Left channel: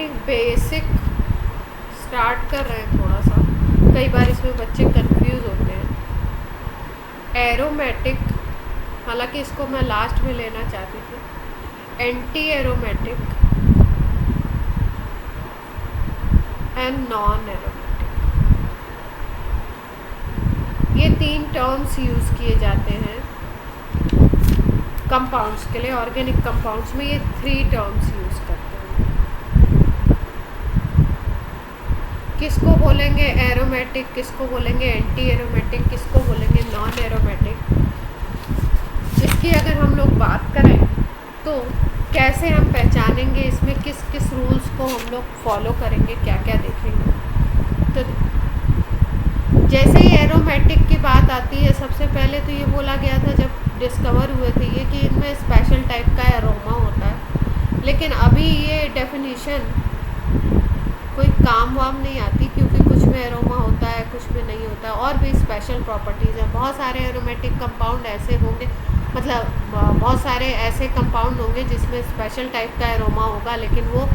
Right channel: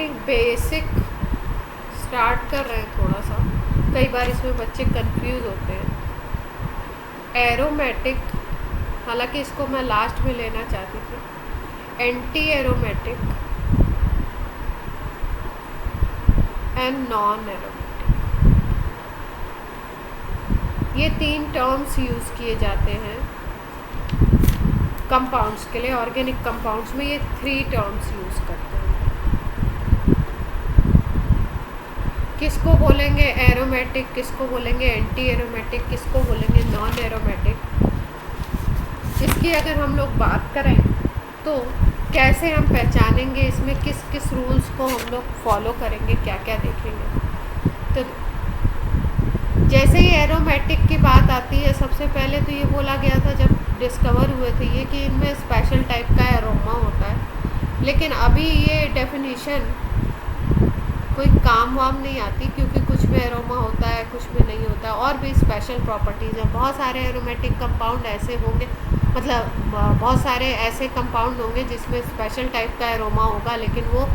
एक basic start कर रहे हैं थोड़ा सा, कई बार इसमें बच्चे कंफ्यूज होते हैं। एरोमेटिक, हालांकि इसको मैं लास्ट में लेना चाहती थी, anti aromatic and non aromatic, ये 3 टर्म्स यूज़ किए जाते हैं कंपाउंड्स के लिए। ऑर्गेनिक कंपाउंड्स में ये 3 टर्म्स यूज़ करते हैं। किसको बोलेंगे एरोमेटिक, किसको बोलेंगे एंटी एरोमेटिक, किसको बोलेंगे नॉन एरोमेटिक। इसकी अगर हम लोग बात करें तो कैसे हम पहचानेंगे, इसमें किस किस रूल्स को हम लोग फॉलो करेंगे, क्या क्या देखेंगे। तो जैसे ही एरोमेटिक की बात आती है, सबसे पहले तो ये बोला गया था जब डिस्कवर हुए थे ये कि इनमें स्पेशल टाइप का एरोमा होता है, लेकिन अभी ये डेफिनेशन कोई काम वाम नहीं आती, क्योंकि कुछ में एरोमा होता है, कुछ में नहीं होता है, और भी स्पेशल प्रॉपर्टीज़ हैं। बहुत सारे एरोमेटिक कंपाउंड ऐसे होंगे, मतलब बहुत सारे ऐसे कंपाउंड होंगे जिसमें स्पेशल टाइप का एरोमा होगा, लेकिन वो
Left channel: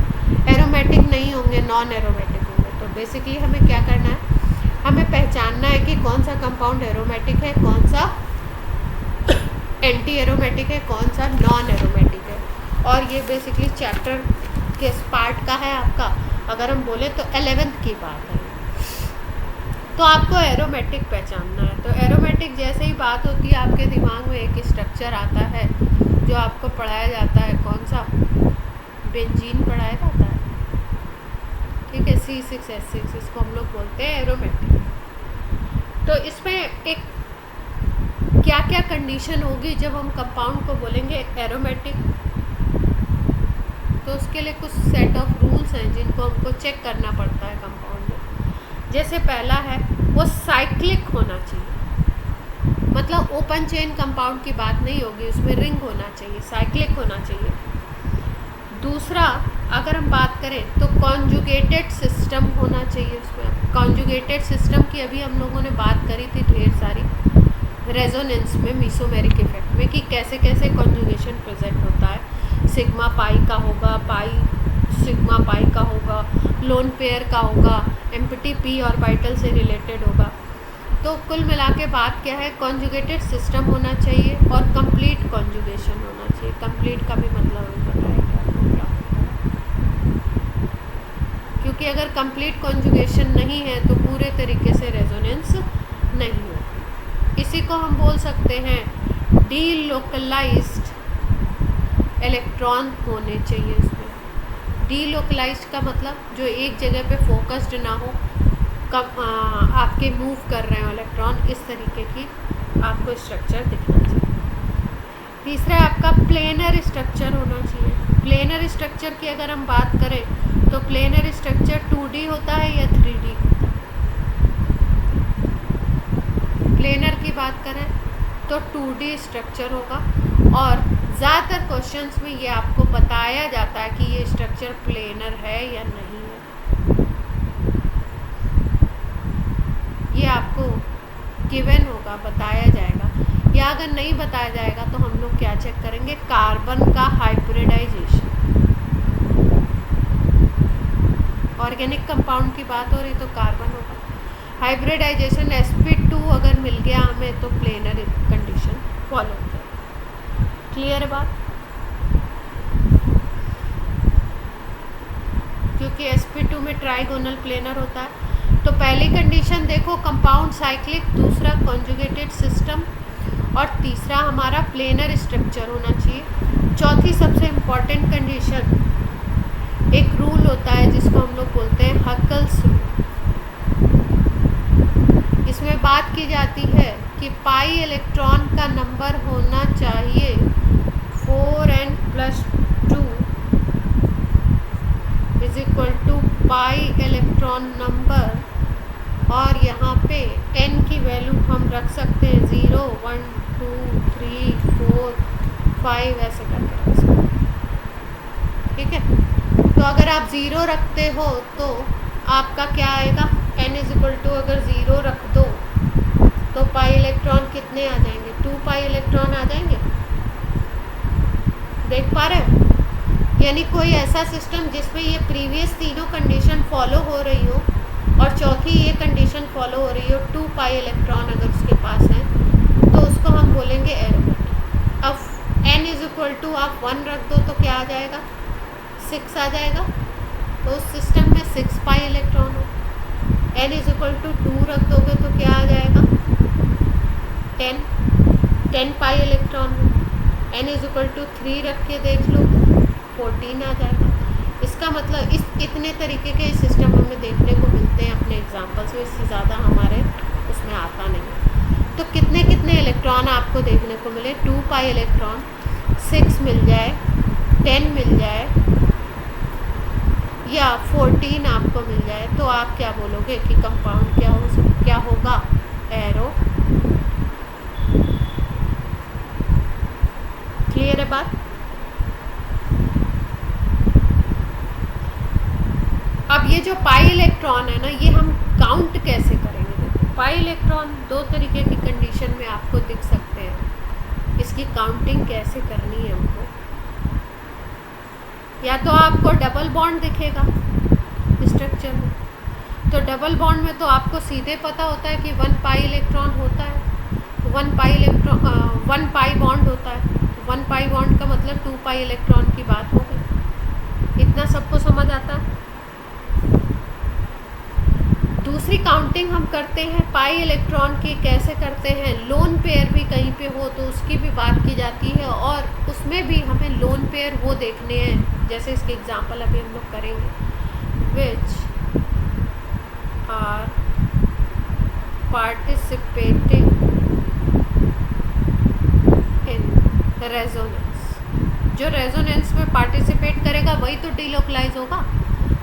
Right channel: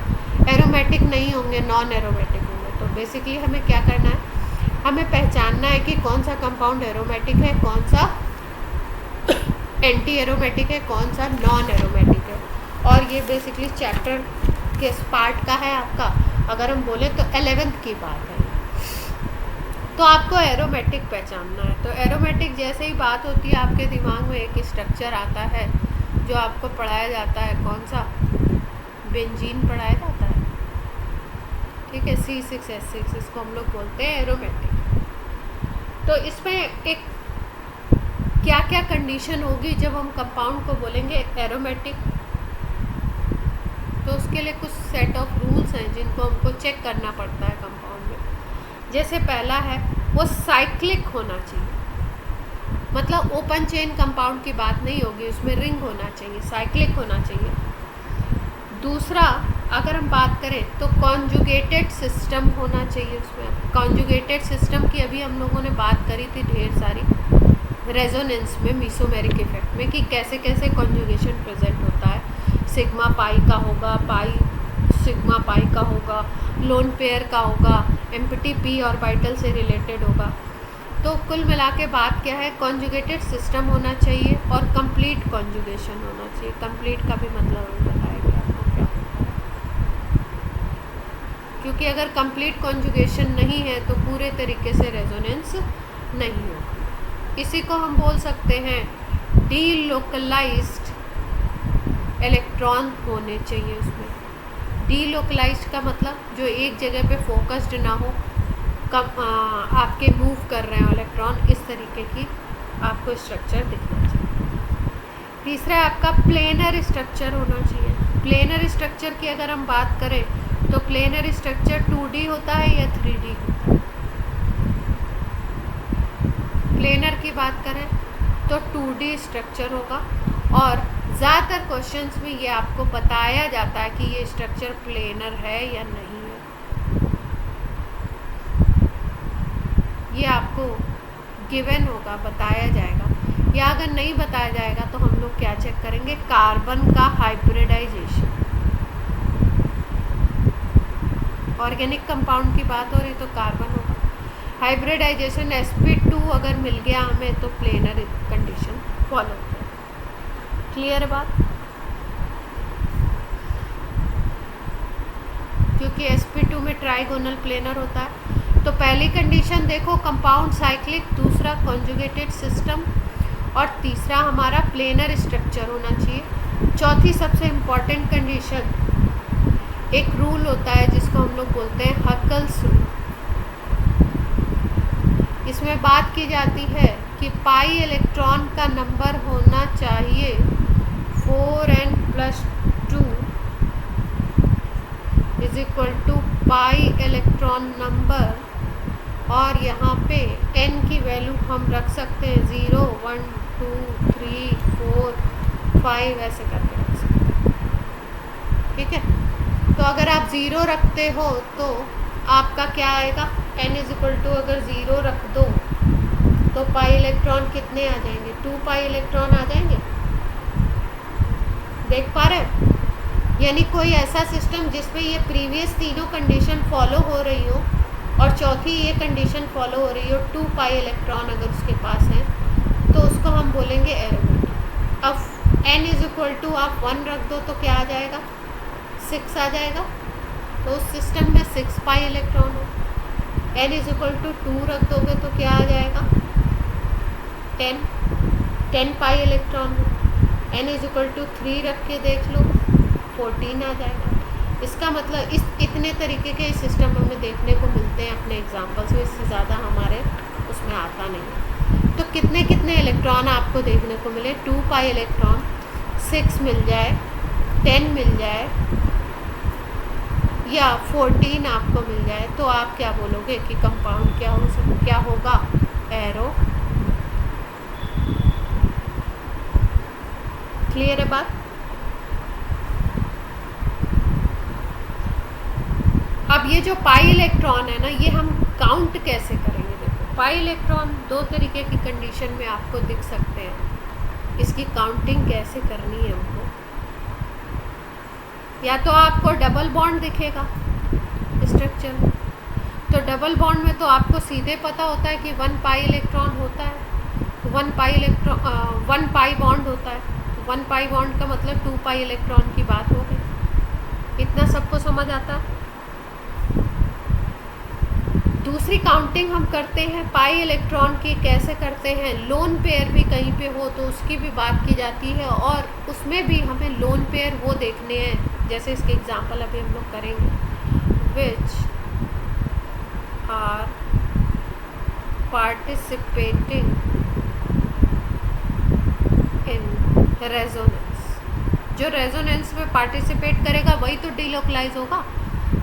एरोमेटिक नहीं होंगे, नॉन एरोमेटिक होंगे। तो बेसिकली हमें क्या करना है, हमें पहचानना है कि कौन सा कंपाउंड एरोमेटिक है, कौन सा एंटी एरोमेटिक है, कौन सा नॉन एरोमेटिक है। और ये बेसिकली चैप्टर किस पार्ट का है आपका, अगर हम बोले तो 11th की बात है। तो आपको एरोमेटिक पहचानना है। तो एरोमेटिक जैसे ही बात होती है, आपके दिमाग में एक स्ट्रक्चर आता है जो आपको पढ़ाया जाता है, कौन सा, बेंजीन पढ़ाया जाता है, ठीक है, C6H6, इसको हम लोग बोलते हैं एरोमेटिक। तो इसमें एक क्या क्या कंडीशन होगी जब हम कंपाउंड को बोलेंगे एरोमेटिक, तो उसके लिए कुछ सेट ऑफ रूल्स हैं जिनको हमको चेक करना पड़ता है कंपाउंड में। जैसे पहला है, वो साइक्लिक होना चाहिए, मतलब ओपन चेन कंपाउंड की बात नहीं होगी, उसमें रिंग होना चाहिए, साइक्लिक होना चाहिए। दूसरा, अगर हम बात करें तो कॉन्जुगेटेड सिस्टम होना चाहिए उसमें। कॉन्जुगेटेड सिस्टम की अभी हम लोगों ने बात करी थी ढेर सारी, रेजोनेंस में, मीसोमेरिक इफेक्ट में, कि कैसे कैसे कॉन्जुगेशन प्रेजेंट होता है। सिग्मा पाई का होगा, पाई सिग्मा पाई का होगा, लोन पेयर का होगा, एम्प्टी पी ऑर्बिटल से रिलेटेड होगा। तो कुल मिला के बात क्या है, कॉन्जुगेटेड सिस्टम होना चाहिए और कंप्लीट कॉन्जुगेशन होना चाहिए। कंप्लीट का भी मतलब हम बताएंगे आपको क्या होता है, क्योंकि अगर कंप्लीट कॉन्जुगेशन नहीं है तो पूरे तरीके से रेजोनेंस नहीं होगा। इसी को हम बोल सकते हैं डीलोकलाइज्ड इलेक्ट्रॉन होने चाहिए उसमें। डीलोकलाइज्ड का मतलब जो एक जगह पे फोकस्ड ना हो, कम आपके मूव कर रहे हो इलेक्ट्रॉन, इस तरीके की आपको स्ट्रक्चर दिखना चाहिए। तीसरा आपका प्लेनर स्ट्रक्चर होना चाहिए। प्लेनर स्ट्रक्चर की अगर हम बात करें तो प्लेनर स्ट्रक्चर 2D होता है या 3D होता है। प्लेनर की बात करें तो 2D स्ट्रक्चर होगा, और ज़्यादातर क्वेश्चंस में ये आपको बताया जाता है कि ये स्ट्रक्चर प्लेनर है या नहीं है, ये आपको गिवन होगा, बताया जाएगा। या अगर नहीं बताया जाएगा तो हम लोग क्या चेक करेंगे, कार्बन का हाइब्रिडाइजेशन। ऑर्गेनिक कंपाउंड की बात हो रही तो कार्बन होगा, हाइब्रिडाइजेशन sp2 अगर मिल गया हमें तो प्लेनर कंडीशन फॉलो हो जाएगी। क्लियर है बात, क्योंकि sp2 में ट्राइगोनल प्लेनर होता है। तो पहली कंडीशन देखो, कंपाउंड साइक्लिक, दूसरा कॉन्जुगेटेड सिस्टम, और तीसरा हमारा प्लेनर स्ट्रक्चर होना चाहिए। चौथी सबसे इम्पॉर्टेंट कंडीशन, एक रूल होता है जिसको हम लोग बोलते हैं हकल्स रूल। इसमें बात की जाती है कि पाई इलेक्ट्रॉन का नंबर होना चाहिए 4n+2 is equal to pi electron number, और यहाँ पे n की वैल्यू हम रख सकते हैं 0, 1, 2, 3, 4, 5 ऐसे करके रख सकते हैं, ठीक है। तो अगर आप 0 रखते हो तो आपका क्या आएगा, n इज इक्वल टू अगर 0 रख दो तो पाई इलेक्ट्रॉन कितने आ जाएंगे, 2 पाई इलेक्ट्रॉन आ जाएंगे, देख पा रहे हो। यानी कोई ऐसा सिस्टम जिसमें ये प्रीवियस तीनों कंडीशन फॉलो हो रही हो और चौथी ये कंडीशन फॉलो हो रही हो, 2 पाई इलेक्ट्रॉन अगर उसके पास है तो उसको हम बोलेंगे एरोमेटिक। अब n इज इक्वल टू आप 1 रख दो तो क्या आ जाएगा, 6 आ जाएगा। तो उस सिस्टम में 6 पाई इलेक्ट्रॉन हो। n इज इक्वल टू 2 रख दोगे तो क्या आ जाएगा, 10 पाई इलेक्ट्रॉन हो। n इज इक्वल टू 3 रख के देख लो, 14 आ जाएगा। इसका मतलब इतने तरीके के सिस्टम हमें देखने को मिलते हैं अपने एग्जाम्पल्स में, इससे ज़्यादा हमारे उसमें आता नहीं है। तो कितने कितने इलेक्ट्रॉन आपको देखने को मिले, 2 पाई इलेक्ट्रॉन, 6 मिल जाए, 10 मिल जाए या 14 आपको मिल जाए, तो आप क्या बोलोगे कि कंपाउंड क्या होगा, एरो। क्लियर है बात। अब ये जो पाई इलेक्ट्रॉन है ना, ये हम काउंट कैसे करेंगे। देखो पाई इलेक्ट्रॉन 2 तरीके की कंडीशन में आपको दिख सकते हैं। इसकी काउंटिंग कैसे करनी है हमको, या तो आपको डबल बॉन्ड दिखेगा स्ट्रक्चर में, तो डबल बॉन्ड में तो आपको सीधे पता होता है कि 1 पाई इलेक्ट्रॉन होता है, 1 पाई बॉन्ड होता है। 1 पाई बॉन्ड का मतलब 2 पाई इलेक्ट्रॉन की बात हो गई। इतना सबको समझ आता। दूसरी काउंटिंग हम करते हैं पाई इलेक्ट्रॉन की, कैसे करते हैं, लोन पेयर भी कहीं पे हो तो उसकी भी बात की जाती है, और उसमें भी हमें लोन पेयर वो देखने हैं, jैसे इसके एग्जांपल अभी हम लोग करेंगे, which are participating in resonance. जो रेजोनेंस में पार्टिसिपेट करेगा वही तो डीलोकलाइज होगा।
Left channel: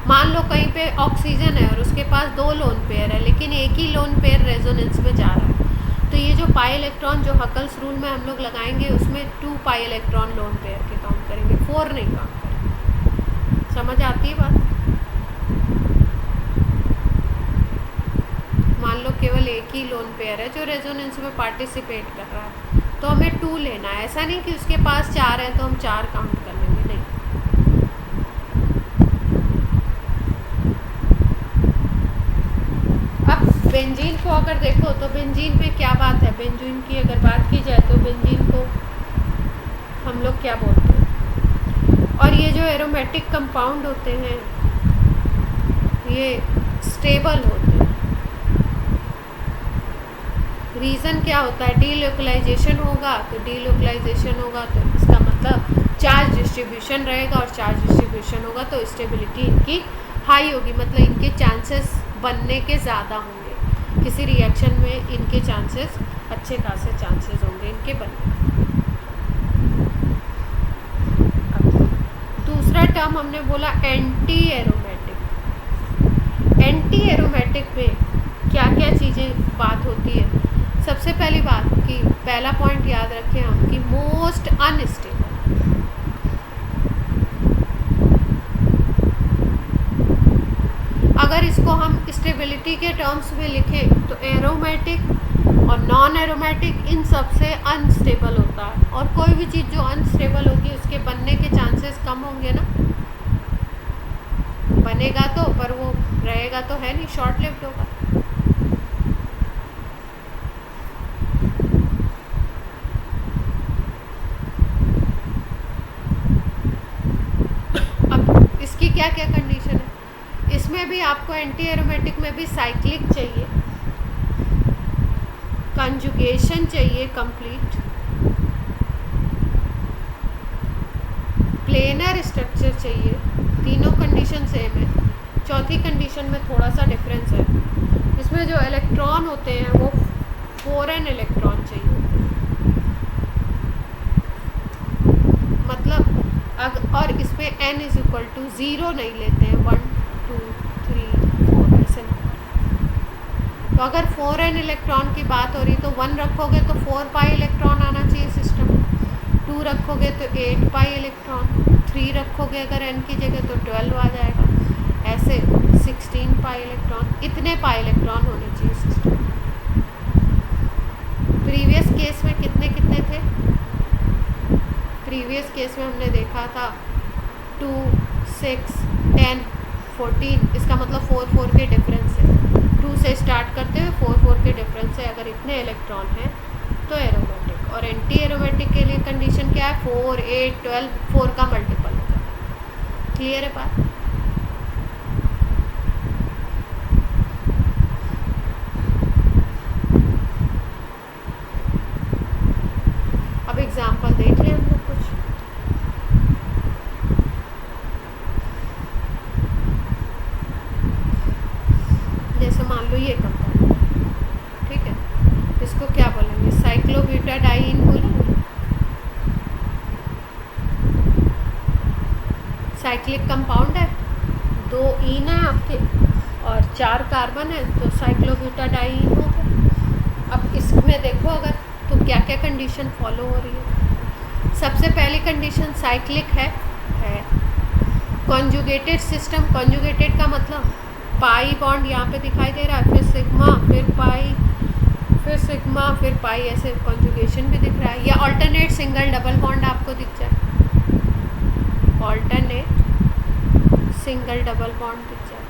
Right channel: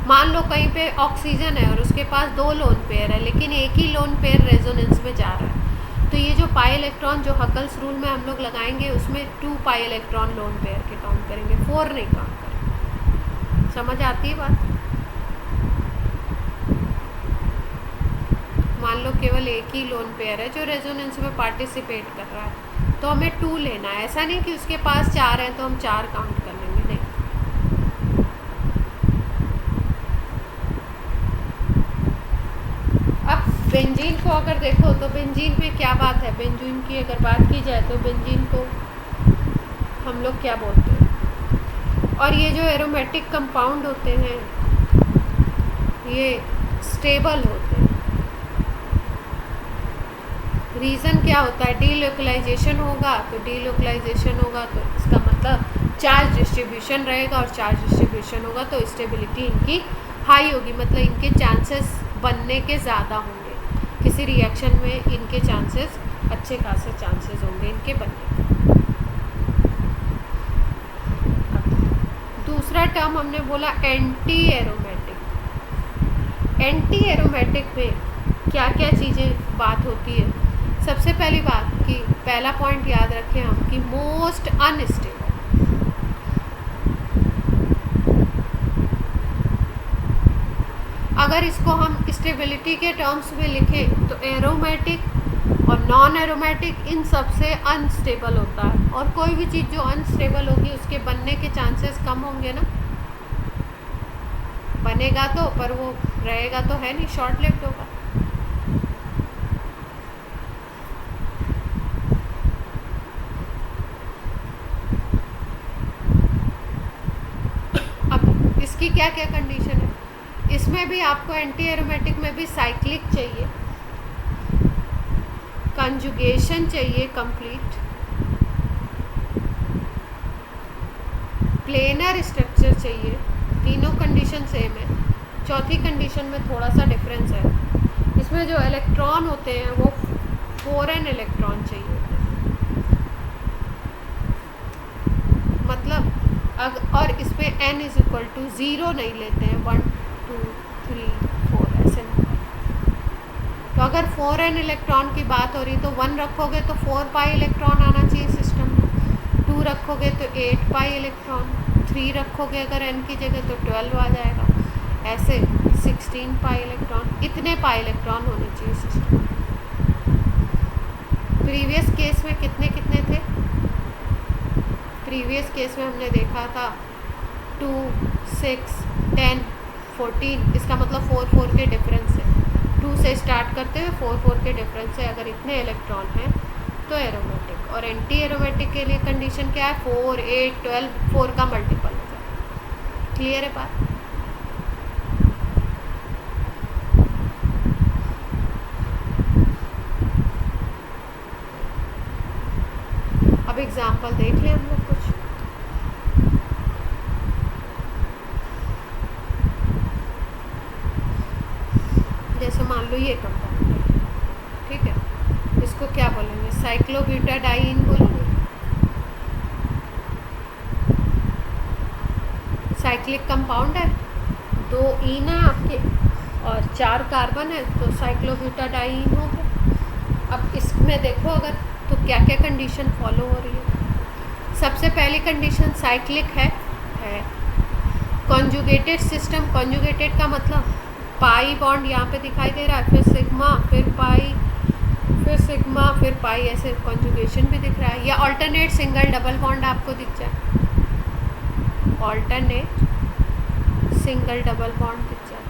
मान लो कहीं पे ऑक्सीजन है और उसके पास 2 लोन पेयर है, लेकिन एक ही लोन पेयर रेजोनेंस में जा रहा है, तो ये जो पाई इलेक्ट्रॉन जो हकल्स रूल में हम लोग लगाएंगे उसमें 2 पाई इलेक्ट्रॉन लोन पेयर के काउंट करेंगे, 4 नहीं काउंट करेंगे। समझ आती है बात। मान लो केवल एक ही लोन पेयर है जो रेजोनेंस में पार्टिसिपेट कर रहा है, तो हमें 2 लेना है। ऐसा नहीं कि उसके पास 4 हैं तो हम 4 काउंट कर लेंगे, नहीं। अब बेंजीन को अगर देखो तो बेंजीन में क्या बात है, बेंजीन की अगर बात की जाए तो बेंजीन को हम लोग क्या बोलते हैं, और ये जो एरोमेटिक कंपाउंड होते हैं ये स्टेबल होते हैं। रीज़न क्या होता है, डीलोकलाइजेशन होगा, तो डीलोकलाइजेशन होगा तो इसका मतलब चार्ज डिस्ट्रीब्यूशन रहेगा, और चार्ज डिस्ट्रीब्यूशन होगा तो स्टेबिलिटी इनकी हाई होगी, मतलब इनके चांसेस बनने के ज़्यादा होंगे। किसी रिएक्शन में इनके चांसेस अच्छे खासे चांसेस होंगे इनके बनने के। दूसरा टर्म हमने बोला एंटी एरोमेटिक। एंटी एरोमेटिक में क्या क्या चीज़ें बात होती है। सबसे पहली बात कि पहला पॉइंट याद रखें हम कि मोस्ट अनस्टेबल। अगर इसको हम स्टेबिलिटी के टर्म्स में लिखें तो एरोमेटिक और नॉन एरोमेटिक इन सबसे अनस्टेबल होता है, और कोई भी चीज़ जो अनस्टेबल होगी उसके बनने के चांसेस कम होंगे ना। बनेगा तो, पर वो रहेगा तो है नहीं, शॉर्ट लिव्ड होगा। अब इसकी क्या क्या कंडीशन है, इसमें भी आपको एंटी एरोमेटिक में भी साइक्लिक चाहिए, कंजुगेशन चाहिए कंप्लीट, प्लेनर स्ट्रक्चर चाहिए। तीनों कंडीशन सेम है, चौथी कंडीशन में थोड़ा सा डिफरेंस है। इसमें जो इलेक्ट्रॉन होते हैं वो फॉरेन इलेक्ट्रॉन चाहिए होते हैं, मतलब और इसमें n इज इक्वल टू 0 नहीं लेते हैं, 1 2 3 4 ऐसे नहीं। तो अगर 4n इलेक्ट्रॉन की बात हो रही तो 1 रखोगे तो 4 पाई इलेक्ट्रॉन आना चाहिए सिस्टम में, 2 रखोगे तो 8 पाई इलेक्ट्रॉन, 3 रखोगे अगर n की जगह तो 12 आ जाएगा, ऐसे 16 पाई इलेक्ट्रॉन। इतने पाई इलेक्ट्रॉन होने चाहिए सिस्टम में। प्रीवियस केस में कितने कितने थे, प्रीवियस केस में हमने देखा था 2, 6, 10, 14, इसका मतलब 4 4 के डिफरेंस है। 2 से स्टार्ट करते हुए 4 4 के डिफरेंस है। अगर इतने इलेक्ट्रॉन हैं तो एरोमेटिक। और एंटी एरोमेटिक के लिए कंडीशन क्या है? 4, 8, 12, 4 का मल्टीपल हो जाए। क्लियर है बात? अब एग्जाम्पल देख लें हम लोग कुछ। जैसे मान लो ये कंपाउंड है, ठीक है, इसको क्या बोलेंगे? साइक्लोब्यूटाडाइन बोलेंगे। साइक्लिक कंपाउंड है, 2 ईन है आपके और 4 कार्बन है, तो साइक्लोब्यूटाडाइन हो गया। अब इसमें देखो अगर, तो क्या क्या कंडीशन फॉलो हो रही है। सबसे पहली कंडीशन साइक्लिक है। कॉन्जुगेटेड सिस्टम, कॉन्जुगेटेड का मतलब पाई बॉन्ड यहाँ पे दिखाई दे रहा है, फिर सिग्मा, फिर पाई, फिर सिग्मा, फिर पाई, ऐसे कॉन्जुगेशन भी दिख रहा है। या ऑल्टरनेट सिंगल डबल बॉन्ड आपको दिख जाए, ऑल्टरनेट सिंगल डबल बॉन्ड दिख जाए,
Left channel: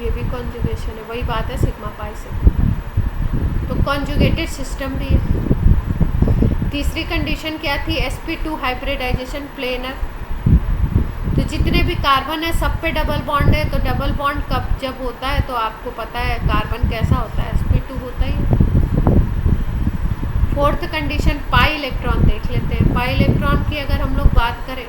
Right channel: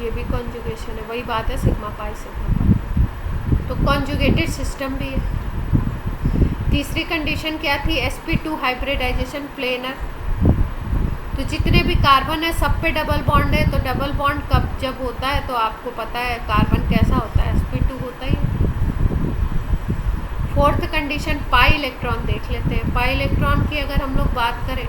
ये भी कॉन्जुगेशन है। वही बात है सिग्मा पाई सिग्मा पाई, तो कॉन्जुगेटेड सिस्टम भी है। तीसरी कंडीशन क्या थी? sp2 hybridisation planar. तो जितने भी कार्बन है सब पे डबल बॉन्ड है, तो डबल बॉन्ड कब जब होता है तो आपको पता है कार्बन कैसा होता है, sp2 होता ही है। फोर्थ कंडीशन पाई इलेक्ट्रॉन देख लेते हैं। पाई इलेक्ट्रॉन की अगर हम लोग बात करें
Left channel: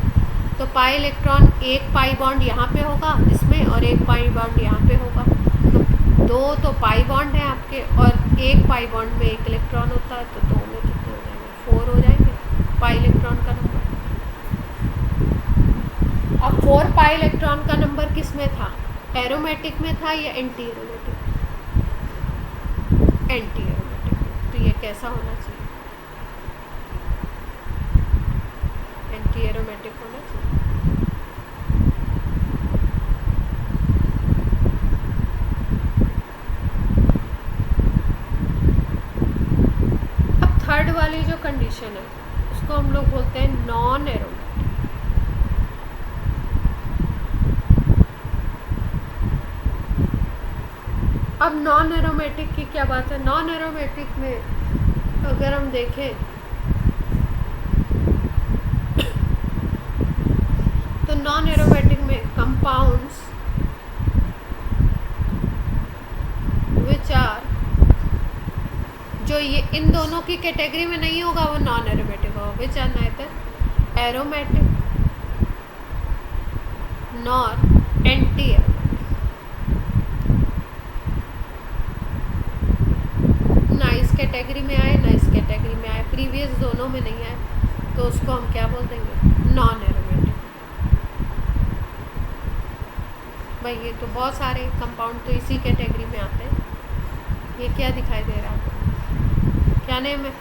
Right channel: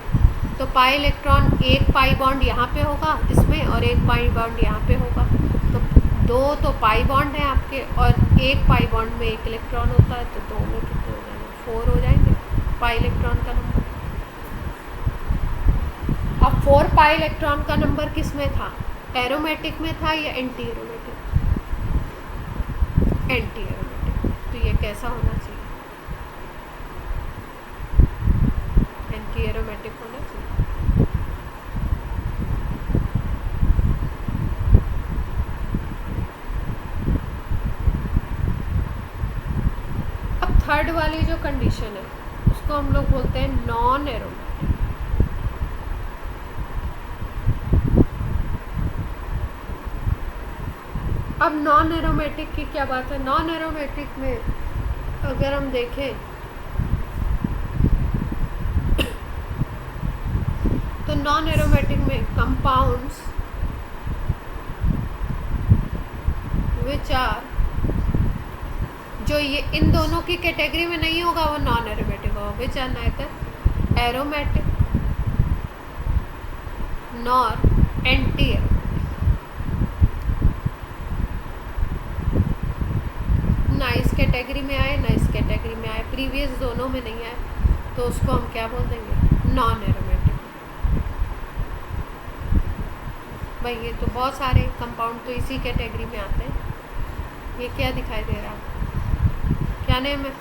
तो पाई इलेक्ट्रॉन, एक पाई बॉन्ड यहाँ पे होगा इसमें और एक पाई बॉन्ड यहाँ पे होगा, तो 2 तो पाई बॉन्ड है आपके, और एक पाई बॉन्ड में एक इलेक्ट्रॉन होता है, तो 2 में कितने हो जाएंगे? 4 हो जाएंगे पाई इलेक्ट्रॉन का नंबर। अब 4 पाई इलेक्ट्रॉन का नंबर किस में था? एरोमेटिक में था या एंटी एरोमेटिक? Anti aromatic. तो ये कैसा होना चाहिए? एंटी एरोमेटिक होना चाहिए। अब थर्ड वाली जो कंडीशन है उसको हम लोग बोलते हैं नॉन एरोमेटिक। अब नॉन एरोमेटिक की क्या बात है? नॉन एरोमेटिक में अगर हम देखें तो नॉन एरोमेटिक में कंपाउंड्स विच आर, जो ये इन दोनों की कैटेगरी में नहीं होगा वो नॉन एरोमेटिक होगा। Which are neither aromatic nor anti aromatic. ना इस कैटेगरी में आए ना इस कैटेगरी में आए, प्रीवियस दोनों में नहीं आए, तो उसको हम क्या बोल देंगे? Non aromatic. भाई ये तो बहुत सारे कंपाउंड तो इसी कैटेगरी में आते हैं। ये क्या दिखाई दे रहा है? क्या नेम है?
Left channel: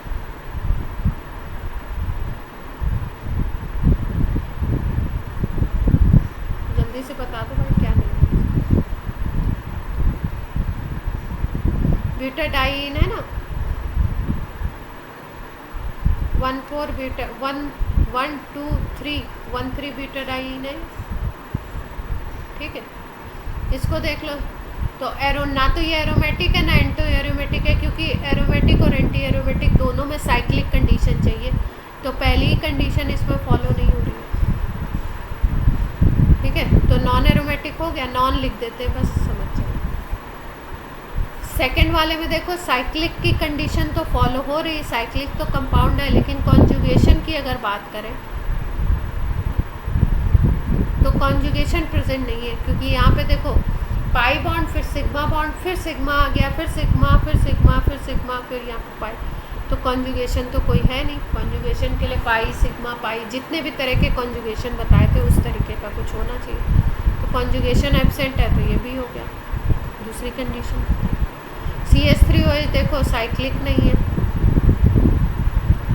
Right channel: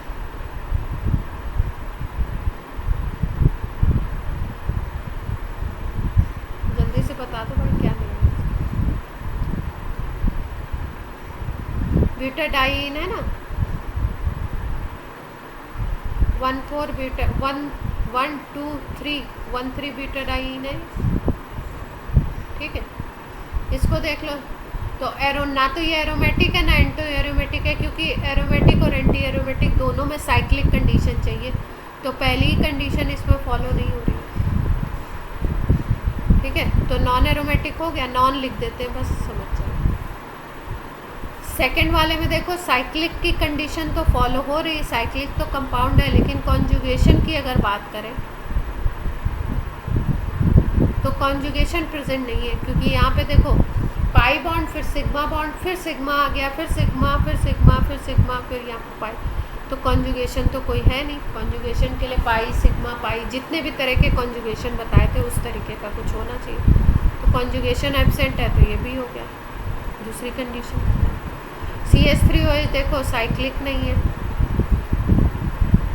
जल्दी से बता दो भाई, क्या नेम है? ब्यूटाडाइन है ना, 1,4 ब्यूटा 1 2 3 1,3 ब्यूटाडाइन है, ठीक है। इसको देख लो, तो एरो ना तो ये एरोमेटिक है ना एंटी एरोमेटिक है, क्योंकि एरोमेटिक और एंटी एरोमेटिक दोनों में साइक्लिक कंडीशन चाहिए, तो पहली ही कंडीशन इसमें फॉलो नहीं हो रही है, ठीक है। तो नॉन एरोमेटिक हो गया, नॉन लिख देते हैं बस, समझ जाइए। सेकंड वाले में देखो साइक्लिक की कंडीशन तो फॉलो हो रही, साइक्लिक तो कंपाउंड है, लेकिन कॉन्जुगेशन की अगर बात करें तो कॉन्जुगेशन प्रेजेंट नहीं है, क्योंकि यहाँ पे देखो पाई बॉन्ड, फिर सिग्मा बॉन्ड, फिर सिग्मा आ गया, फिर सिग्मा, फिर सिग्मा, फिर सिग्मा, फिर यहाँ पे पाई, तो कॉन्जुगेशन तो कोई है नहीं। कॉन्जुगेशन के लिए पाई सिग्मा पाई जितने भी तरह के कॉन्जुगेशन बताए थे उस तरीके का कुछ होना चाहिए, तो कॉन्जुगेशन एब्सेंट है, तो ये भी हो गया दूसरी कंडीशन। CH3OH देखो साइक्लिक नहीं है,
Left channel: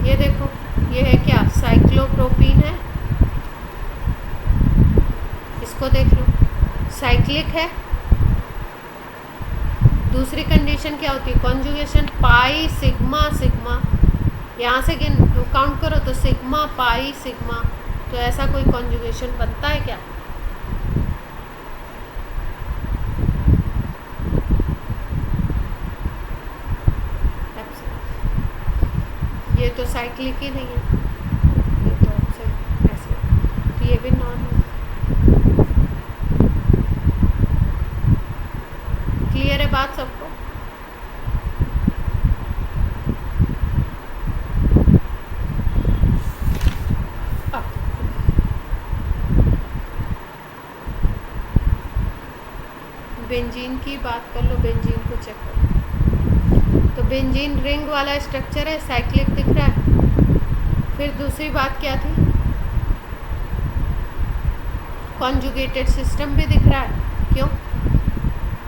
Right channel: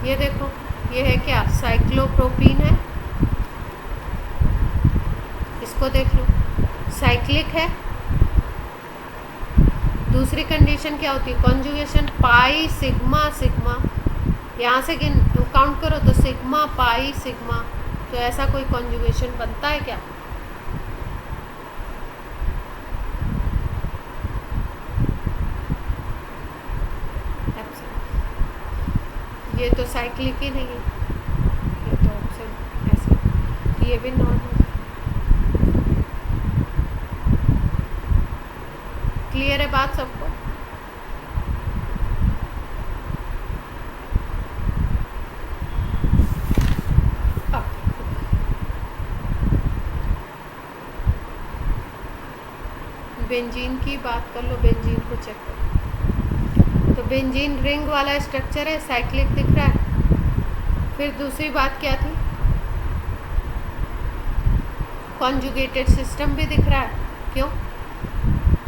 ये देखो ये है क्या? साइक्लोप्रोपीन है, इसको देख लो साइक्लिक है। दूसरी कंडीशन क्या होती है? कॉन्जुगेशन पाई सिग्मा सिग्मा, यहाँ से काउंट करो तो सिग्मा पाई सिग्मा, तो ऐसा कोई कॉन्जुगेशन बनता है क्या? एब्सेंट। ये तो साइक्लिक ही नहीं है, ये तो एब्सेंट ऐसे, तो ये भी नॉन है। क्लियर है बात सबको? बेंजीन की बात कर लो, बेंजीन को चेक करो। तो बेंजीन रिंग वाला स्ट्रक्चर है, साइक्लिक दिख रहा है। फिर दूसरी बात क्या थी? कॉन्जुगेटेड सिस्टम भी दिख रहा है। क्यों?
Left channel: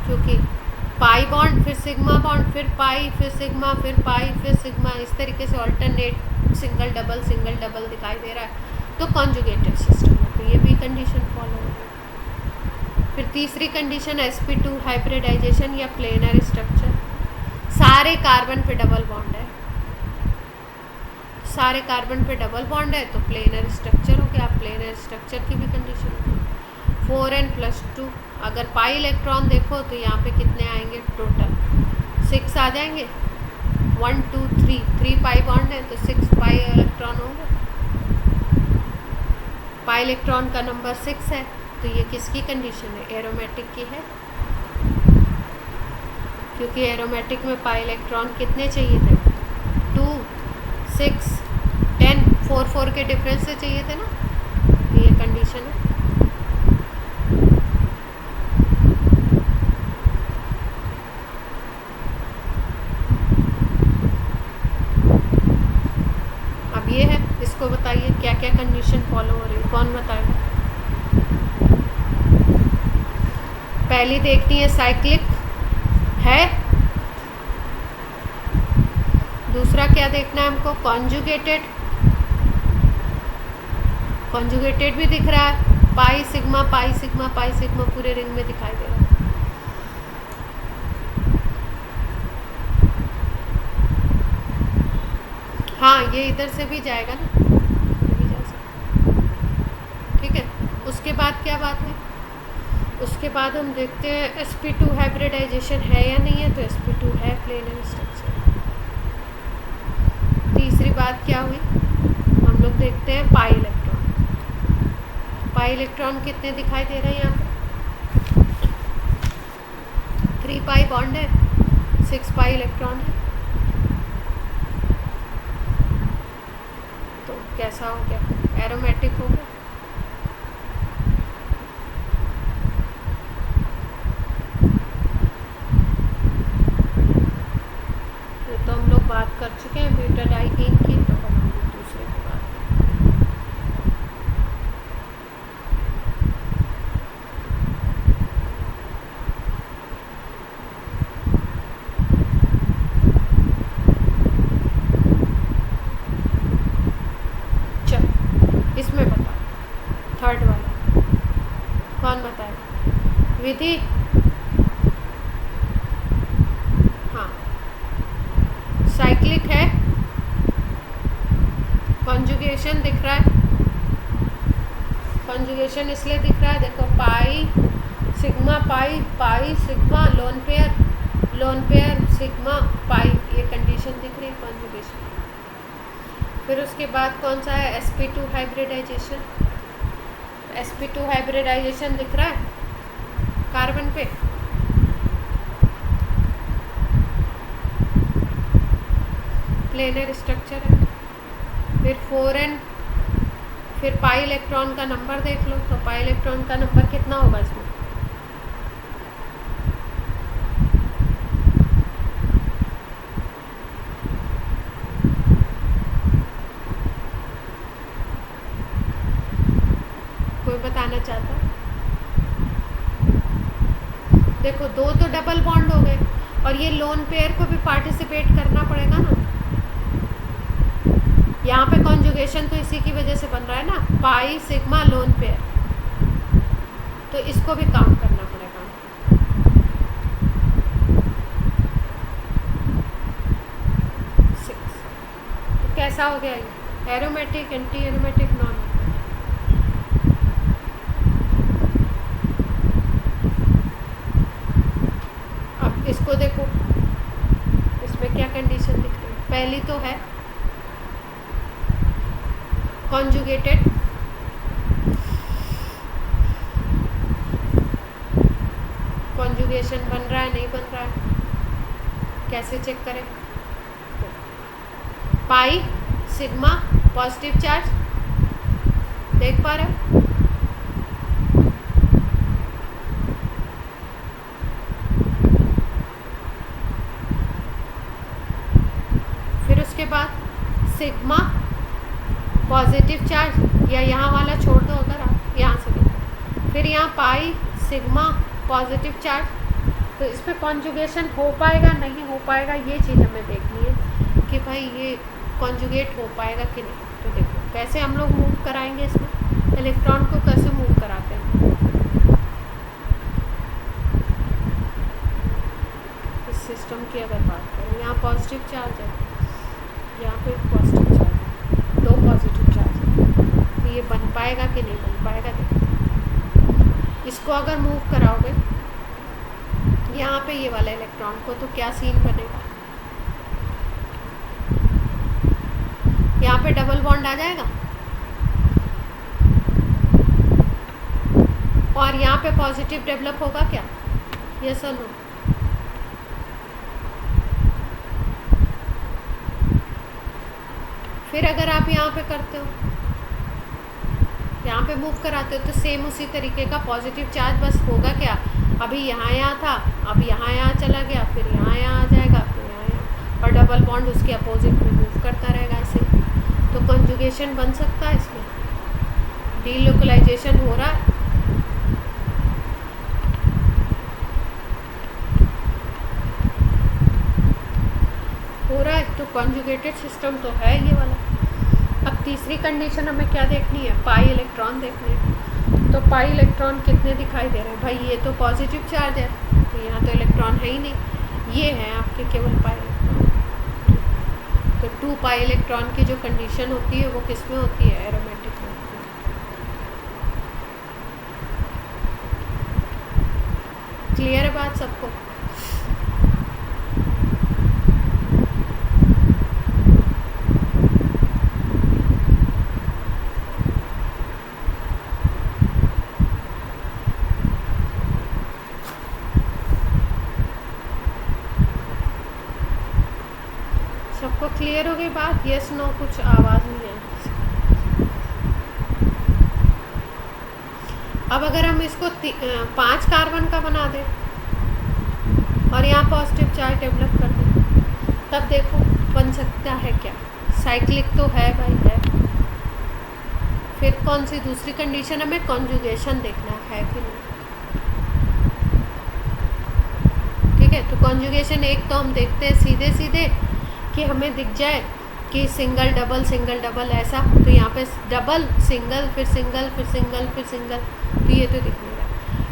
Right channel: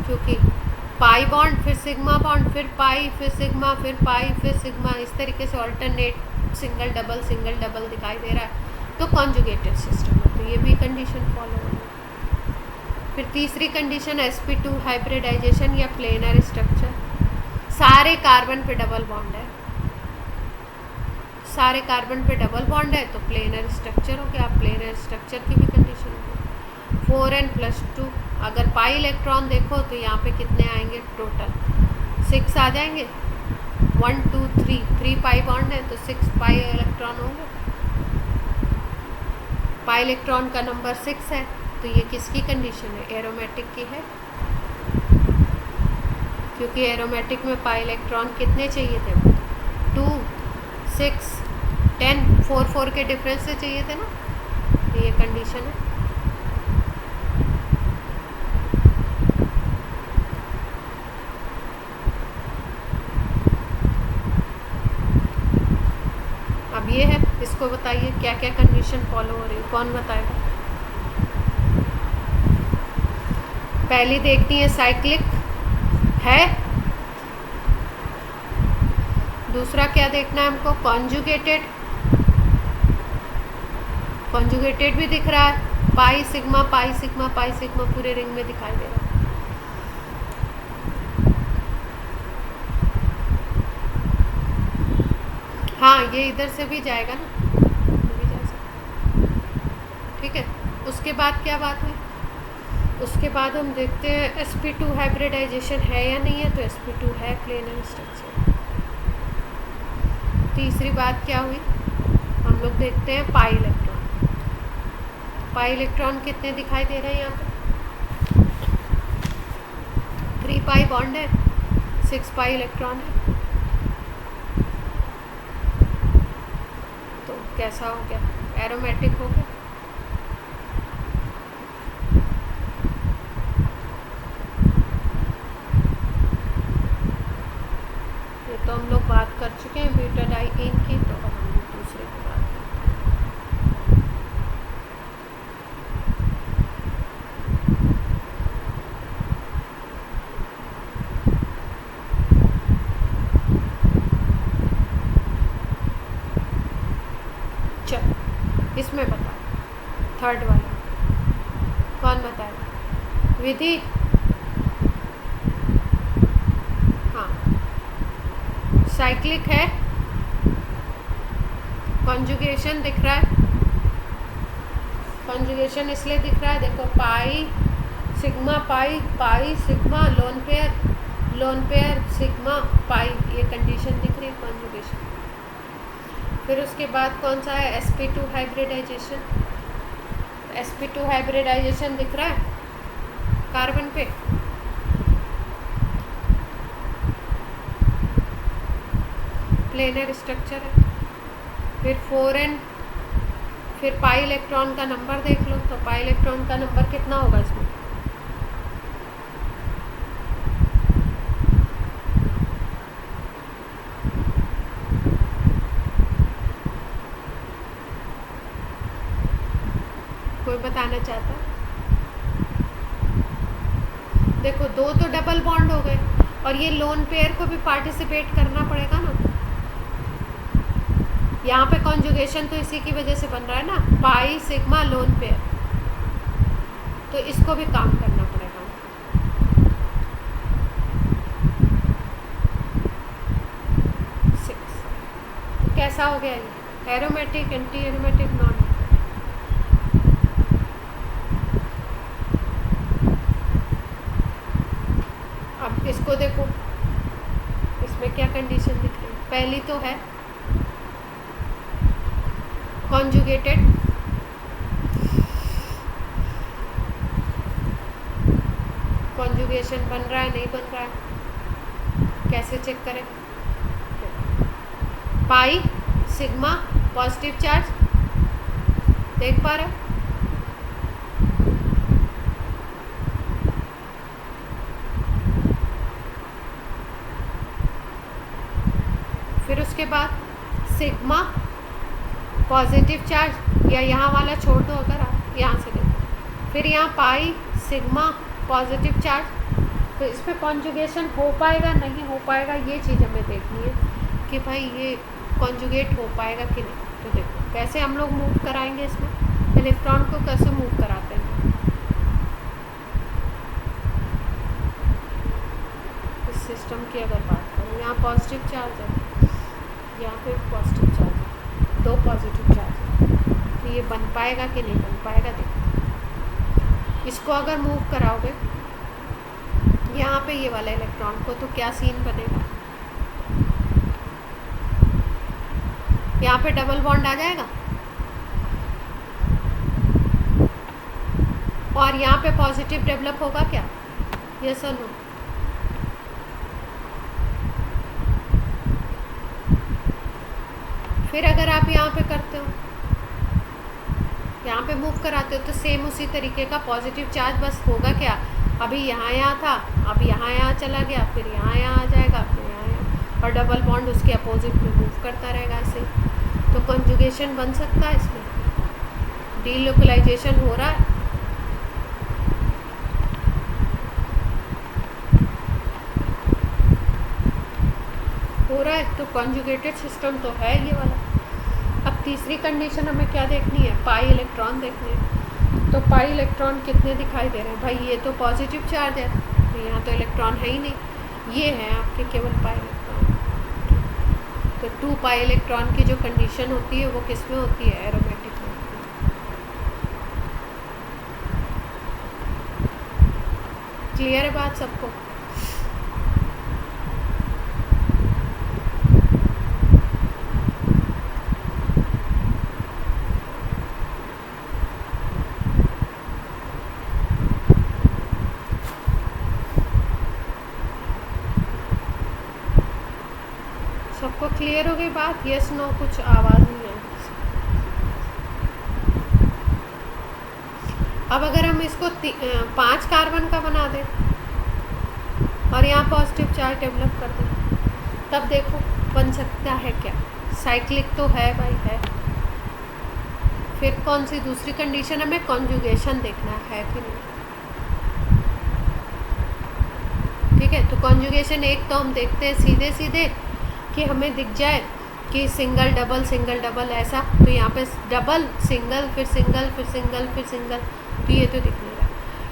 क्योंकि पाई बॉन्ड, फिर सिग्मा बॉन्ड, फिर पाई, फिर सिग्मा, फिर पाई, फिर सिग्मा, इस तरीके से ऑल्टरनेट सिंगल डबल दिखाई दे रहा है, तो कॉन्जुगेटेड सिस्टम है। तो ये भी कंडीशन फॉलो होगी। फिर तीसरी कंडीशन sp2 हाइब्रिडाइजेशन या प्लेनर स्ट्रक्चर। सारे कार्बन पे डबल बॉन्ड है, सारे कार्बन पे डबल बॉन्ड है तो प्लेनर स्ट्रक्चर हो गया। प्लेनर स्ट्रक्चर की भी कंडीशन होगी। 4n+2, अगर पाई इलेक्ट्रॉन देखो तो यहाँ पे कितने आएंगे टोटल? 6 आ जाएंगे। 1 2 3, 3 पाई बॉन्ड है तो 6 पाई इलेक्ट्रॉन होंगे। पाई इलेक्ट्रॉन का नंबर 6 है, तो ये किसकी कंडीशन है? एरोमेटिक की है, क्योंकि एरोमेटिक में पाई इलेक्ट्रॉन कितने चाहिए थे? 2 6 10, 4 के डिफरेंस से चाहिए थे ना, तो ये कंडीशन है। अब ये है, इसको बताइए क्या क्या कंडीशन फॉलो हो रही है, कौन बताएगा? पहली देखनी है साइक्लिक है। दूसरा क्या देखना है हमको? कॉन्जुगेटेड। कॉन्जुगेटेड भी दिख रहा है, pi sigma pi sigma pi sigma पूरे रिंग में दिखाई दे रहा है। हाँ, ये इधर से भी जाएगा ना, ये भी जा सकता। ठीक है, उसके बाद क्या बात हुई? उसके बाद हम देखते हैं sp2 हाइब्रिडाइजेशन है या नहीं है, तो sp2 है प्लेनर स्ट्रक्चर। तीसरी बात क्या हुई? हम लोग देखते हैं पाई इलेक्ट्रॉन। पाई इलेक्ट्रॉन कितने दिखाई दे रहे हैं यहाँ पे? 3 पाई बॉन्ड है, 6 पाई इलेक्ट्रॉन है। तो कैसा हो गया? एरोमेटिक हो गया। तो हम लोग बात कर चुके हैं ब्यूटाडाइइन की, तो अब हम लोग दूसरे की बात करें। चल, इसमें बताओ, थर्ड वाला कौन बताएगा? विधि? हाँ, साइक्लिक है, कॉन्जुगेशन दिख रहा है। कॉन्जुगेशन इसलिए दिख रहा है, देखो pi sigma pi pi sigma lone pair sigma pi, ये कंडीशन दिख रही है कॉन्जुगेशन। फिर उसके बाद कौन सा है? sp2 hybridisation. sp2 हाइब्रिडाइजेशन दिख रहा है कार्बन पे, प्लेनर स्ट्रक्चर है। फिर 4n, फिर पाई इलेक्ट्रॉन का नंबर देख लो, तो पाई इलेक्ट्रॉन का नंबर कितना होगा इसमें? कोई बताना चाहता है? देखो, 2 तो डबल बॉन्ड हो गए, और ये लोन पेयर को भी पार्टिसिपेट करना पड़ेगा ना। यहाँ पे कॉन्जुगेशन तो इसी की वजह से बन रहा है ना, पाई सिग्मा लोन पेयर, तो इसको भी काउंट करना पड़ेगा। 6, तो कैसा हो गया ये? Aromatic, anti aromatic, non aromatic? Condition दिख रही है। पहली तो है कॉन्जुगेटेड, कॉन्जुगेशन बन रहा है नहीं बन रहा है, कैसे चेक करें? पाई सिग्मा पॉजिटिव चार्ज देख पा रहे हो? फिर उसके बाद सिग्मा पॉजिटिव चार्ज, या यहाँ वाला छोड़ दो अगर आप यहाँ से देखो, फिर यहाँ पाई सिग्मा पॉजिटिव चार्ज। तो इस पर कॉन्जुगेशन हो पाएगा नहीं हो पाएगा, ये चीज़ हमें देखनी है कि भाई ये कॉन्जुगेट हो पाएगा कि नहीं। तो देखो कैसे हम लोग मूव कराएंगे, इसमें इलेक्ट्रॉन को कैसे मूव कराते हैं। इस सिस्टम की अगर बात करें, यहाँ पॉजिटिव चार्ज है, यहाँ पे पॉजिटिव चार्ज है, दो पॉजिटिव चार्ज है, तो ये बन पाएगा कि नहीं बन पाएगा देखते हैं। इसको अगर मूव कराओगे यहाँ पे ये वाला इलेक्ट्रॉन को, तो क्या सीन बनेगा? यहाँ पे डबल बॉन्ड आ जाएगा और यहाँ पे पॉजिटिव डेवलप होगा क्या? यस और नो? फिर अगर आप यहाँ पे करते हो, यहाँ पे मूव कराते हो, तो सेम उसी तरीके का पॉजिटिव चार्ज, बस होगा क्या? अभी यहाँ था, अब यहाँ चला गया, फिर यहाँ आ जाएगा, फिर यहाँ, और डबल बॉन्ड उसके अपोजिट में मूव करता रहेगा ऐसे। तो कॉन्जुगेशन बन सकता है इसमें, डीलोकलाइजेशन हो रहा है। तो कॉन्जुगेटेड सिस्टम तो है ये वाला। अब तीसरी कंडीशन हमें क्या देखनी है? पाई इलेक्ट्रॉन देखने हैं। तो पाई इलेक्ट्रॉन कितने दिखाई दे रहे हैं? भाई ये तो पॉजिटिव चार्ज है, तो यहाँ तो इलेक्ट्रॉन है ही नहीं, ये है आपके केवल पाई इलेक्ट्रॉन। तो 2 पाई इलेक्ट्रॉन की जो कंडीशन होती है वो किस में होती है? एरोमेटिक में। क्लियर है बात सबको? सबको क्लियर हो गई बात? Yes no? कुछ आवाज़ नहीं है। अब अगर हम इसको 5 कार्बन का बना दें और यहाँ पॉजिटिव चार्ज डेवलप कर दें, तब देखो बन सकता है क्या? साइक्लिक तो है भाई, है। फिर कौन सी दूसरी कंडीशन? हमें कॉन्जुगेशन देखना है कि नहीं। ठीक है, तो कॉन्जुगेशन एक तो हम देखते हैं सीधे सीधे कि हमें दिख जाए कि सिंगल डबल ऐसा, तो यहाँ पे डबल सिंगल फिर सिंगल फिर सिंगल फिर सिंगल, तो ये तो दिख नहीं रहा।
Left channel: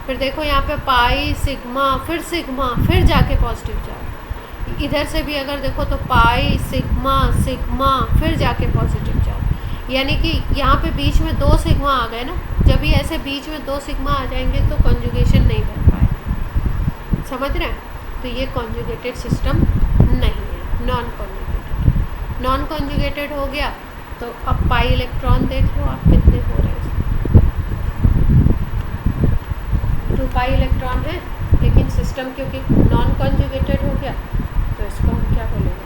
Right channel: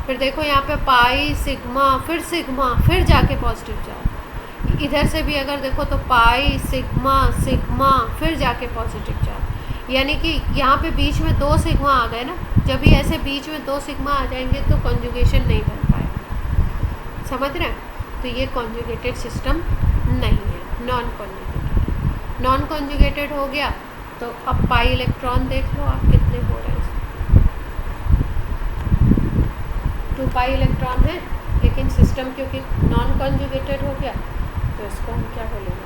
फिर देखो यहाँ पे पाई सिग्मा फिर जाके पॉजिटिव चार्ज, इधर से भी अगर देखो तो पाई सिग्मा फिर जाके पॉजिटिव चार्ज, यानी कि यहाँ पे बीच में 2 सिग्मा आ गए ना। जब भी ऐसे बीच में 2 सिग्मा आ जाएंगे तो कॉन्जुगेशन नहीं बन पाएगा। समझ रहे हैं? तो ये कॉन्जुगेटेड सिस्टम नहीं है, नॉन कॉन्जुगेटेड। नॉन कॉन्जुगेटेड हो गया तो अब पाई इलेक्ट्रॉन देख लो आप कितने हो रहे हैं। 2 पाई इलेक्ट्रॉन है, लेकिन सिस्टम क्योंकि नॉन कॉन्जुगेटेड हो गया तो इसको हम क्या बोलेंगे?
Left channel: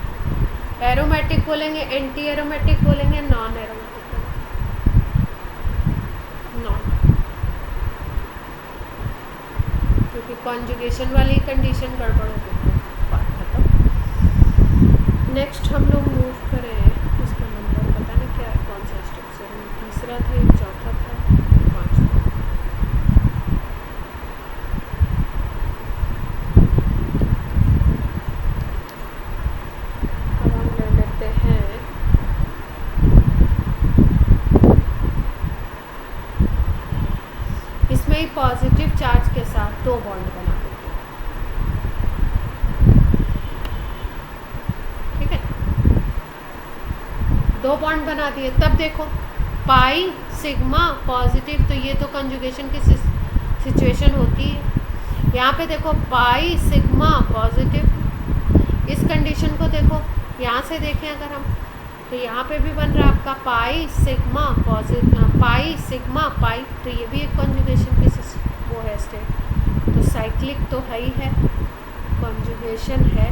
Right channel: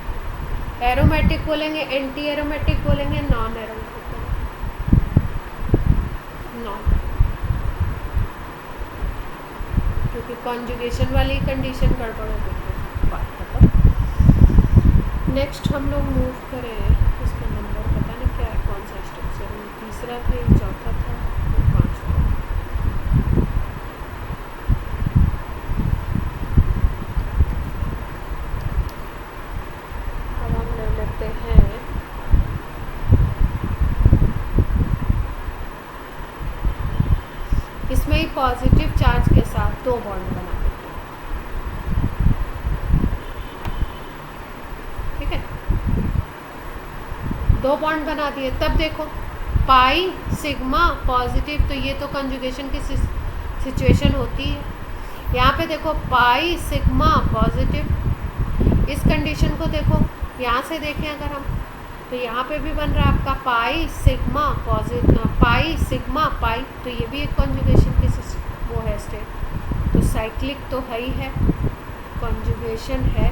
एरोमेटिक बोलेंगे, एंटी एरोमेटिक बोलेंगे, नॉन एरोमेटिक बोलेंगे। नॉन, क्योंकि कॉन्जुगेशन वाली कंडीशन गड़बड़ हो गई, बात खत्म। नेक्स्ट हम लोग मूव करें, इसका नंबर पता नहीं क्या है, कौन सा स्ट्रक्चर है, तीसरा था या चौथा था, 5वां। अब हम ले लेते हैं इसमें ही पॉजिटिव चार्ज के साथ 2 बॉन्ड बना देते हैं। ठीक है, 2 बॉन्ड बना दिए। तब देखो पाई सिग्मा पॉजिटिव, तो ये तो कंजुगेशन की सिचुएशन होती है। यहाँ पे देखो पाई सिग्मा पॉजिटिव, इस कंडीशन को देखो, यहाँ से देखें अगर हम, तो यहाँ पे भी बन रहा है आपका pi sigma pi sigma pi, तो ये भी एक कॉन्जुगेशन की वो है स्टेट। तो साइक्लिक तो है ही है, कॉन्जुगेशन है,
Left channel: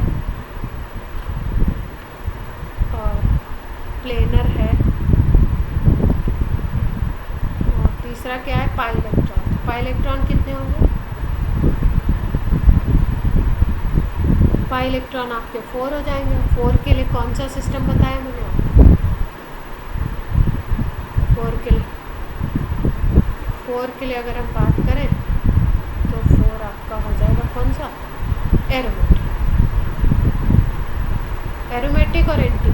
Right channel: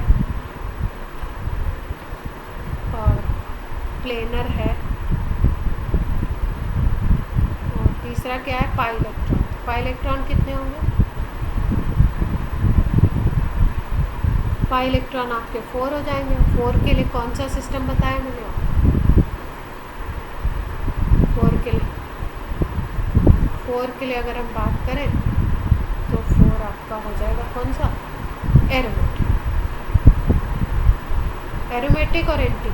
और प्लेनर है, और तीसरा क्या है, पाई इलेक्ट्रॉन। पाई इलेक्ट्रॉन कितने होंगे, पाई इलेक्ट्रॉन आपके 4 हो जाएंगे। 4 के लिए कौन सा सिस्टम बताया मैंने आपको, 4 के लिए अगर हम बात करें तो 4 आपका हो जाएगा कौन सा, एरोमेटिक। एरोमेटिक और एंटी,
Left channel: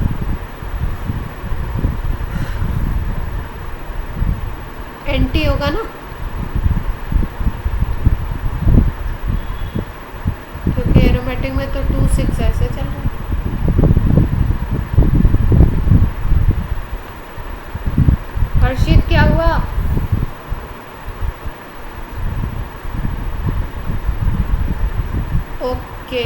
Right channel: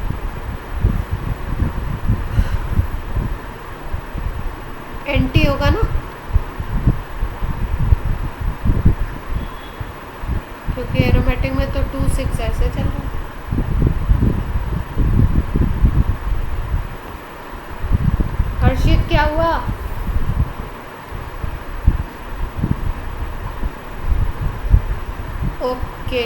एंटी होगा ना, क्योंकि एरोमेटिक में तो 2 6 ऐसे चल रहा है। हर्षित क्या हुआ, ओके।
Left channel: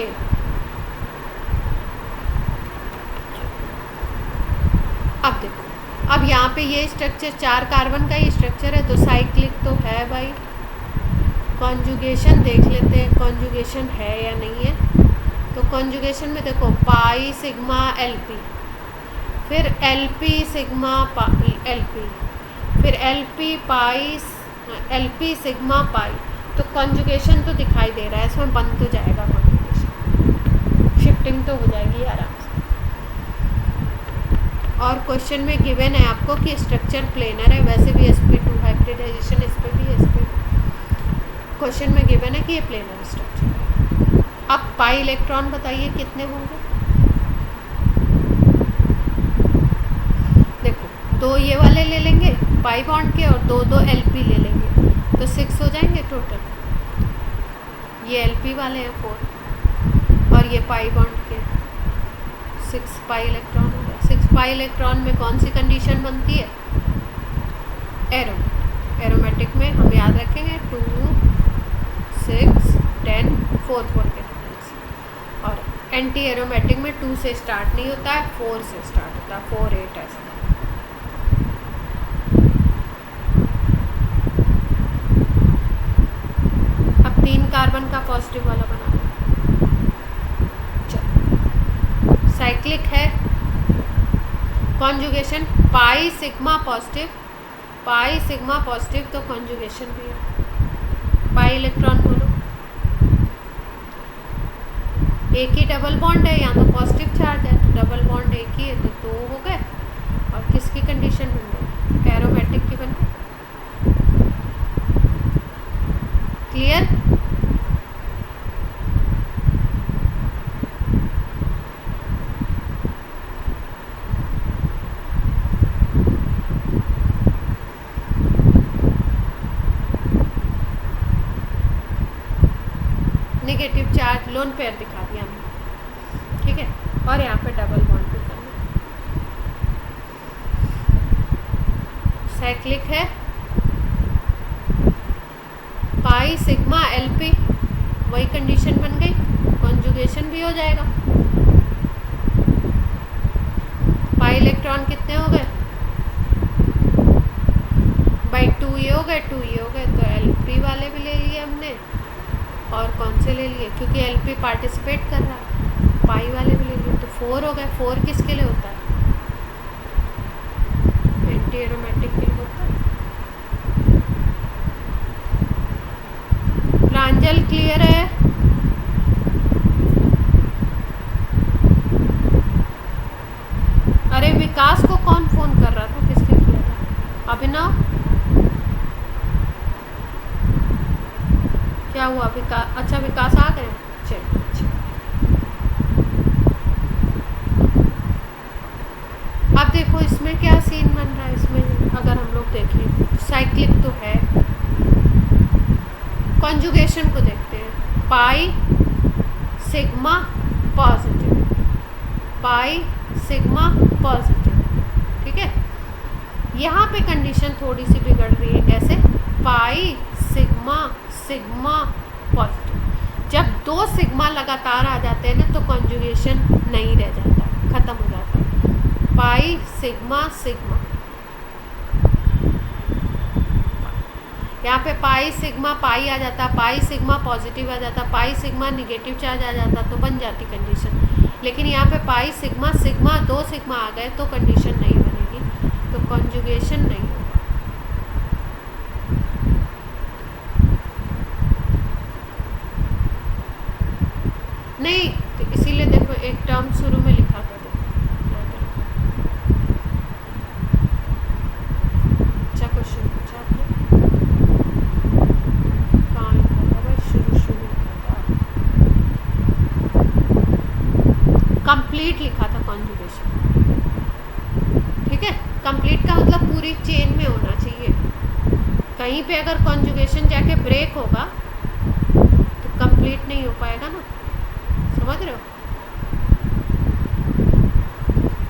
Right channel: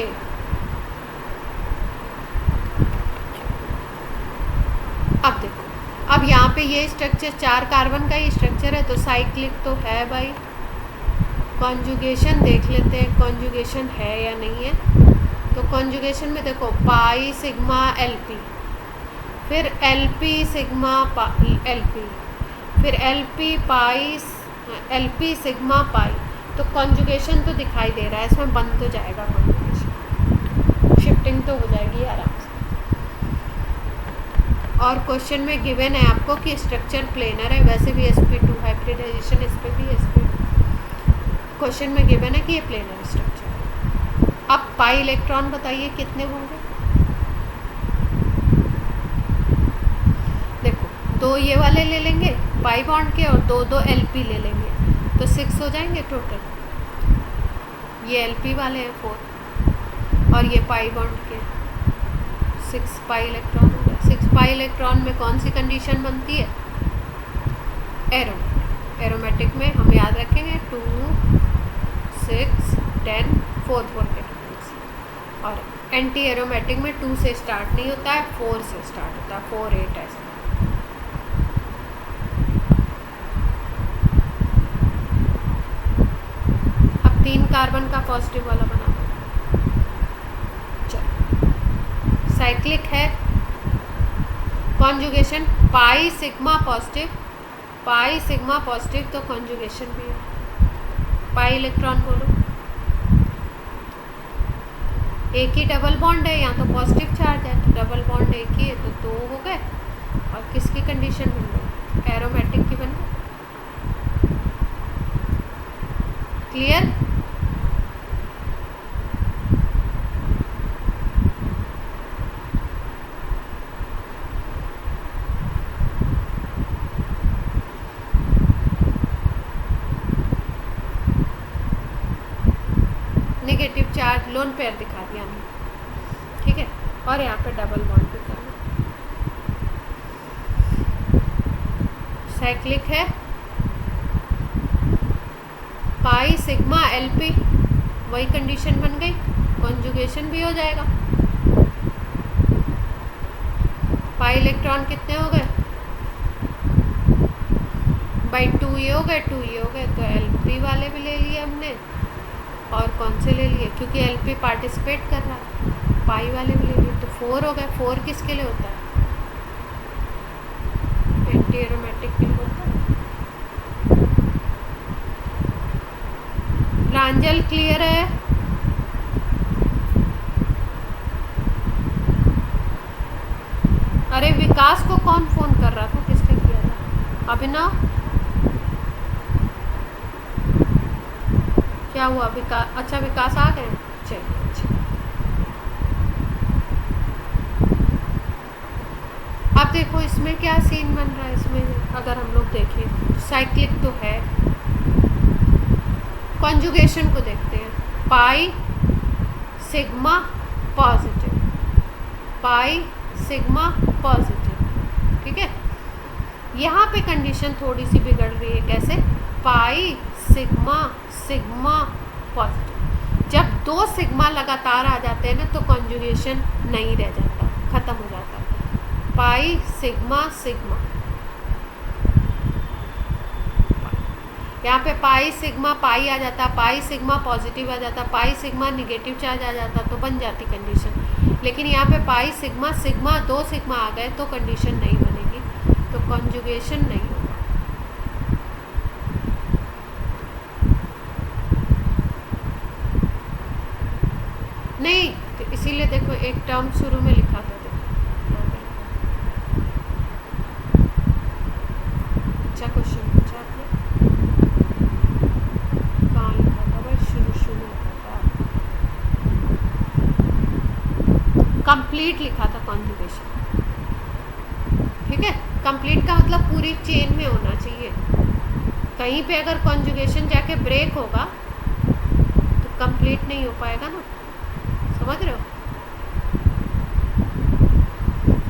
अब देखो, अब यहाँ पे ये स्ट्रक्चर 4 कार्बन का ही स्ट्रक्चर है, तो साइक्लिक तो है भाई। कॉन्जुगेशन देख लेते हैं, कॉन्जुगेशन है या नहीं है। तो कॉन्जुगेशन में देखो पाई सिग्मा एलपी, फिर एलपी सिग्मा एलपी, फिर एलपी पाई एलपी सिग्मा पाई। तो कॉन्जुगेशन तो दिखाई दे रहा है, इसमें बन तो जाएगा कॉन्जुगेशन, शिफ्टिंग तो हो जाएगी आराम से। और क्वेश्चन में गिवन है आपको कि स्ट्रक्चर प्लेनर है, वैसे भी sp2 हाइब्रिडाइजेशन इस पर भी sp2 क्वेश्चन में गिवन है कि ये प्लेनर स्ट्रक्चर है। अब पाई इलेक्ट्रॉन बताइए कितने होंगे, देखो 2 ये वाले ले लेंगे पाई बॉन्ड के, और 2 एलपी ले लेंगे, तो 6 हो जाएंगे टोटल। ये एलपी वाले हैं 4, और ये पाई बॉन्ड के 6 पाई इलेक्ट्रॉन हो गया। 6 पाई इलेक्ट्रॉन में कौन सी कंडीशन बनती है, एरोमेटिक। एरोमेटिक में हम याद रखेंगे 2 6 10 4 4 के डिफरेंस। और एंटी एरोमेटिक में 2 से स्टार्ट नहीं होता है, 4 से स्टार्ट होता है, 4 8 ऐसा। अब 3 कार्बन का पॉजिटिव वाला बना लो। चलो, साइक्लिक है, conjugation pi sigma positive, pi sigma positive, तो कॉन्जुगेशन भी है। पाई इलेक्ट्रॉन बोलो, एक ही डबल बॉन्ड है, यहाँ तो पॉजिटिव चार्ज है, तो डबल बॉन्ड एक ही है, तो 2 हो गए। और किसकी कंडीशन बन गई, एरोमेटिक की बन गई। Clear, negative charge lone pair दिखा दिया हमने, ठीक है। और यहाँ पे डबल बॉन्ड भी करना। साइक्लिक है, पाई सिग्मा एलपी, वही कंडीशन बन गई, कॉन्जुगेशन भी हो जाएगा। पाई इलेक्ट्रॉन कितने हो गए, बाई 2 ये हो गए, 2 ये हो गए, तो एलपी वाले भी ले लिए हमने। और कौन से ले लिए, क्योंकि एलपी पार्टिसिपेट कर रहा है, पाई वाले भी ले लिए, तो 4 हो गए। 4 किसके लिए होता है, एंटी एरोमेटिक के लिए होता है। प्रांजल क्लियर है, अरे विकास को कौन फोन कर रहा था, किसने किया था, अभिनव, क्या हुआ विकास, अच्छा विकास आ गए, चलिए अच्छा। अब देखो इसमें क्या सीन बन रहा है, इसमें अगर हम लोग देखें साइक्लिक तो है, कॉन्जुगेशन को देखते हैं, pi sigma positive, pi sigma positive, ठीक है। यहाँ पे कंडीशन थोड़ी सी बिगड़ रही है, कैसे, पाई सिग्मा सिग्मा पॉजिटिव, जब 2 सिग्मा लगातार आ जाते हैं ना तो कॉन्जुगेशन नहीं रह जाता, ख़त्म हो जाता है। पाई सिग्मा सिग्मा, यहाँ पे पाई सिग्मा पाई आ जाता, पाई सिग्मा पॉजिटिव आ जाता, पाई सिग्मा निगेटिव चार्ज आ जाता, तो बन जाती कंडीशन। लेकिन यहाँ पे पाई सिग्मा सिग्मा 2 सिग्मा आ गए तो कंडीशन नहीं बनेगी, तो कॉन्जुगेशन नहीं होगा। नहीं, तो इसीलिए देखो एक टर्म शुरू में लिखा था, देखो यहाँ पे अच्छा क्वेश्चन पूछा आपने, कहाँ लिखा था भाई, शुरू में लिखा था, कंप्लीट लिखा था कॉन्जुगेशन। ठीक है, कंप्लीट का मतलब पूरी चेन में होना चाहिए। कहीं पे अगर कॉन्जुगेशन जाके ब्रेक होगा तो कंप्लीट नहीं हो पाएगा ना, समझ रहे हो।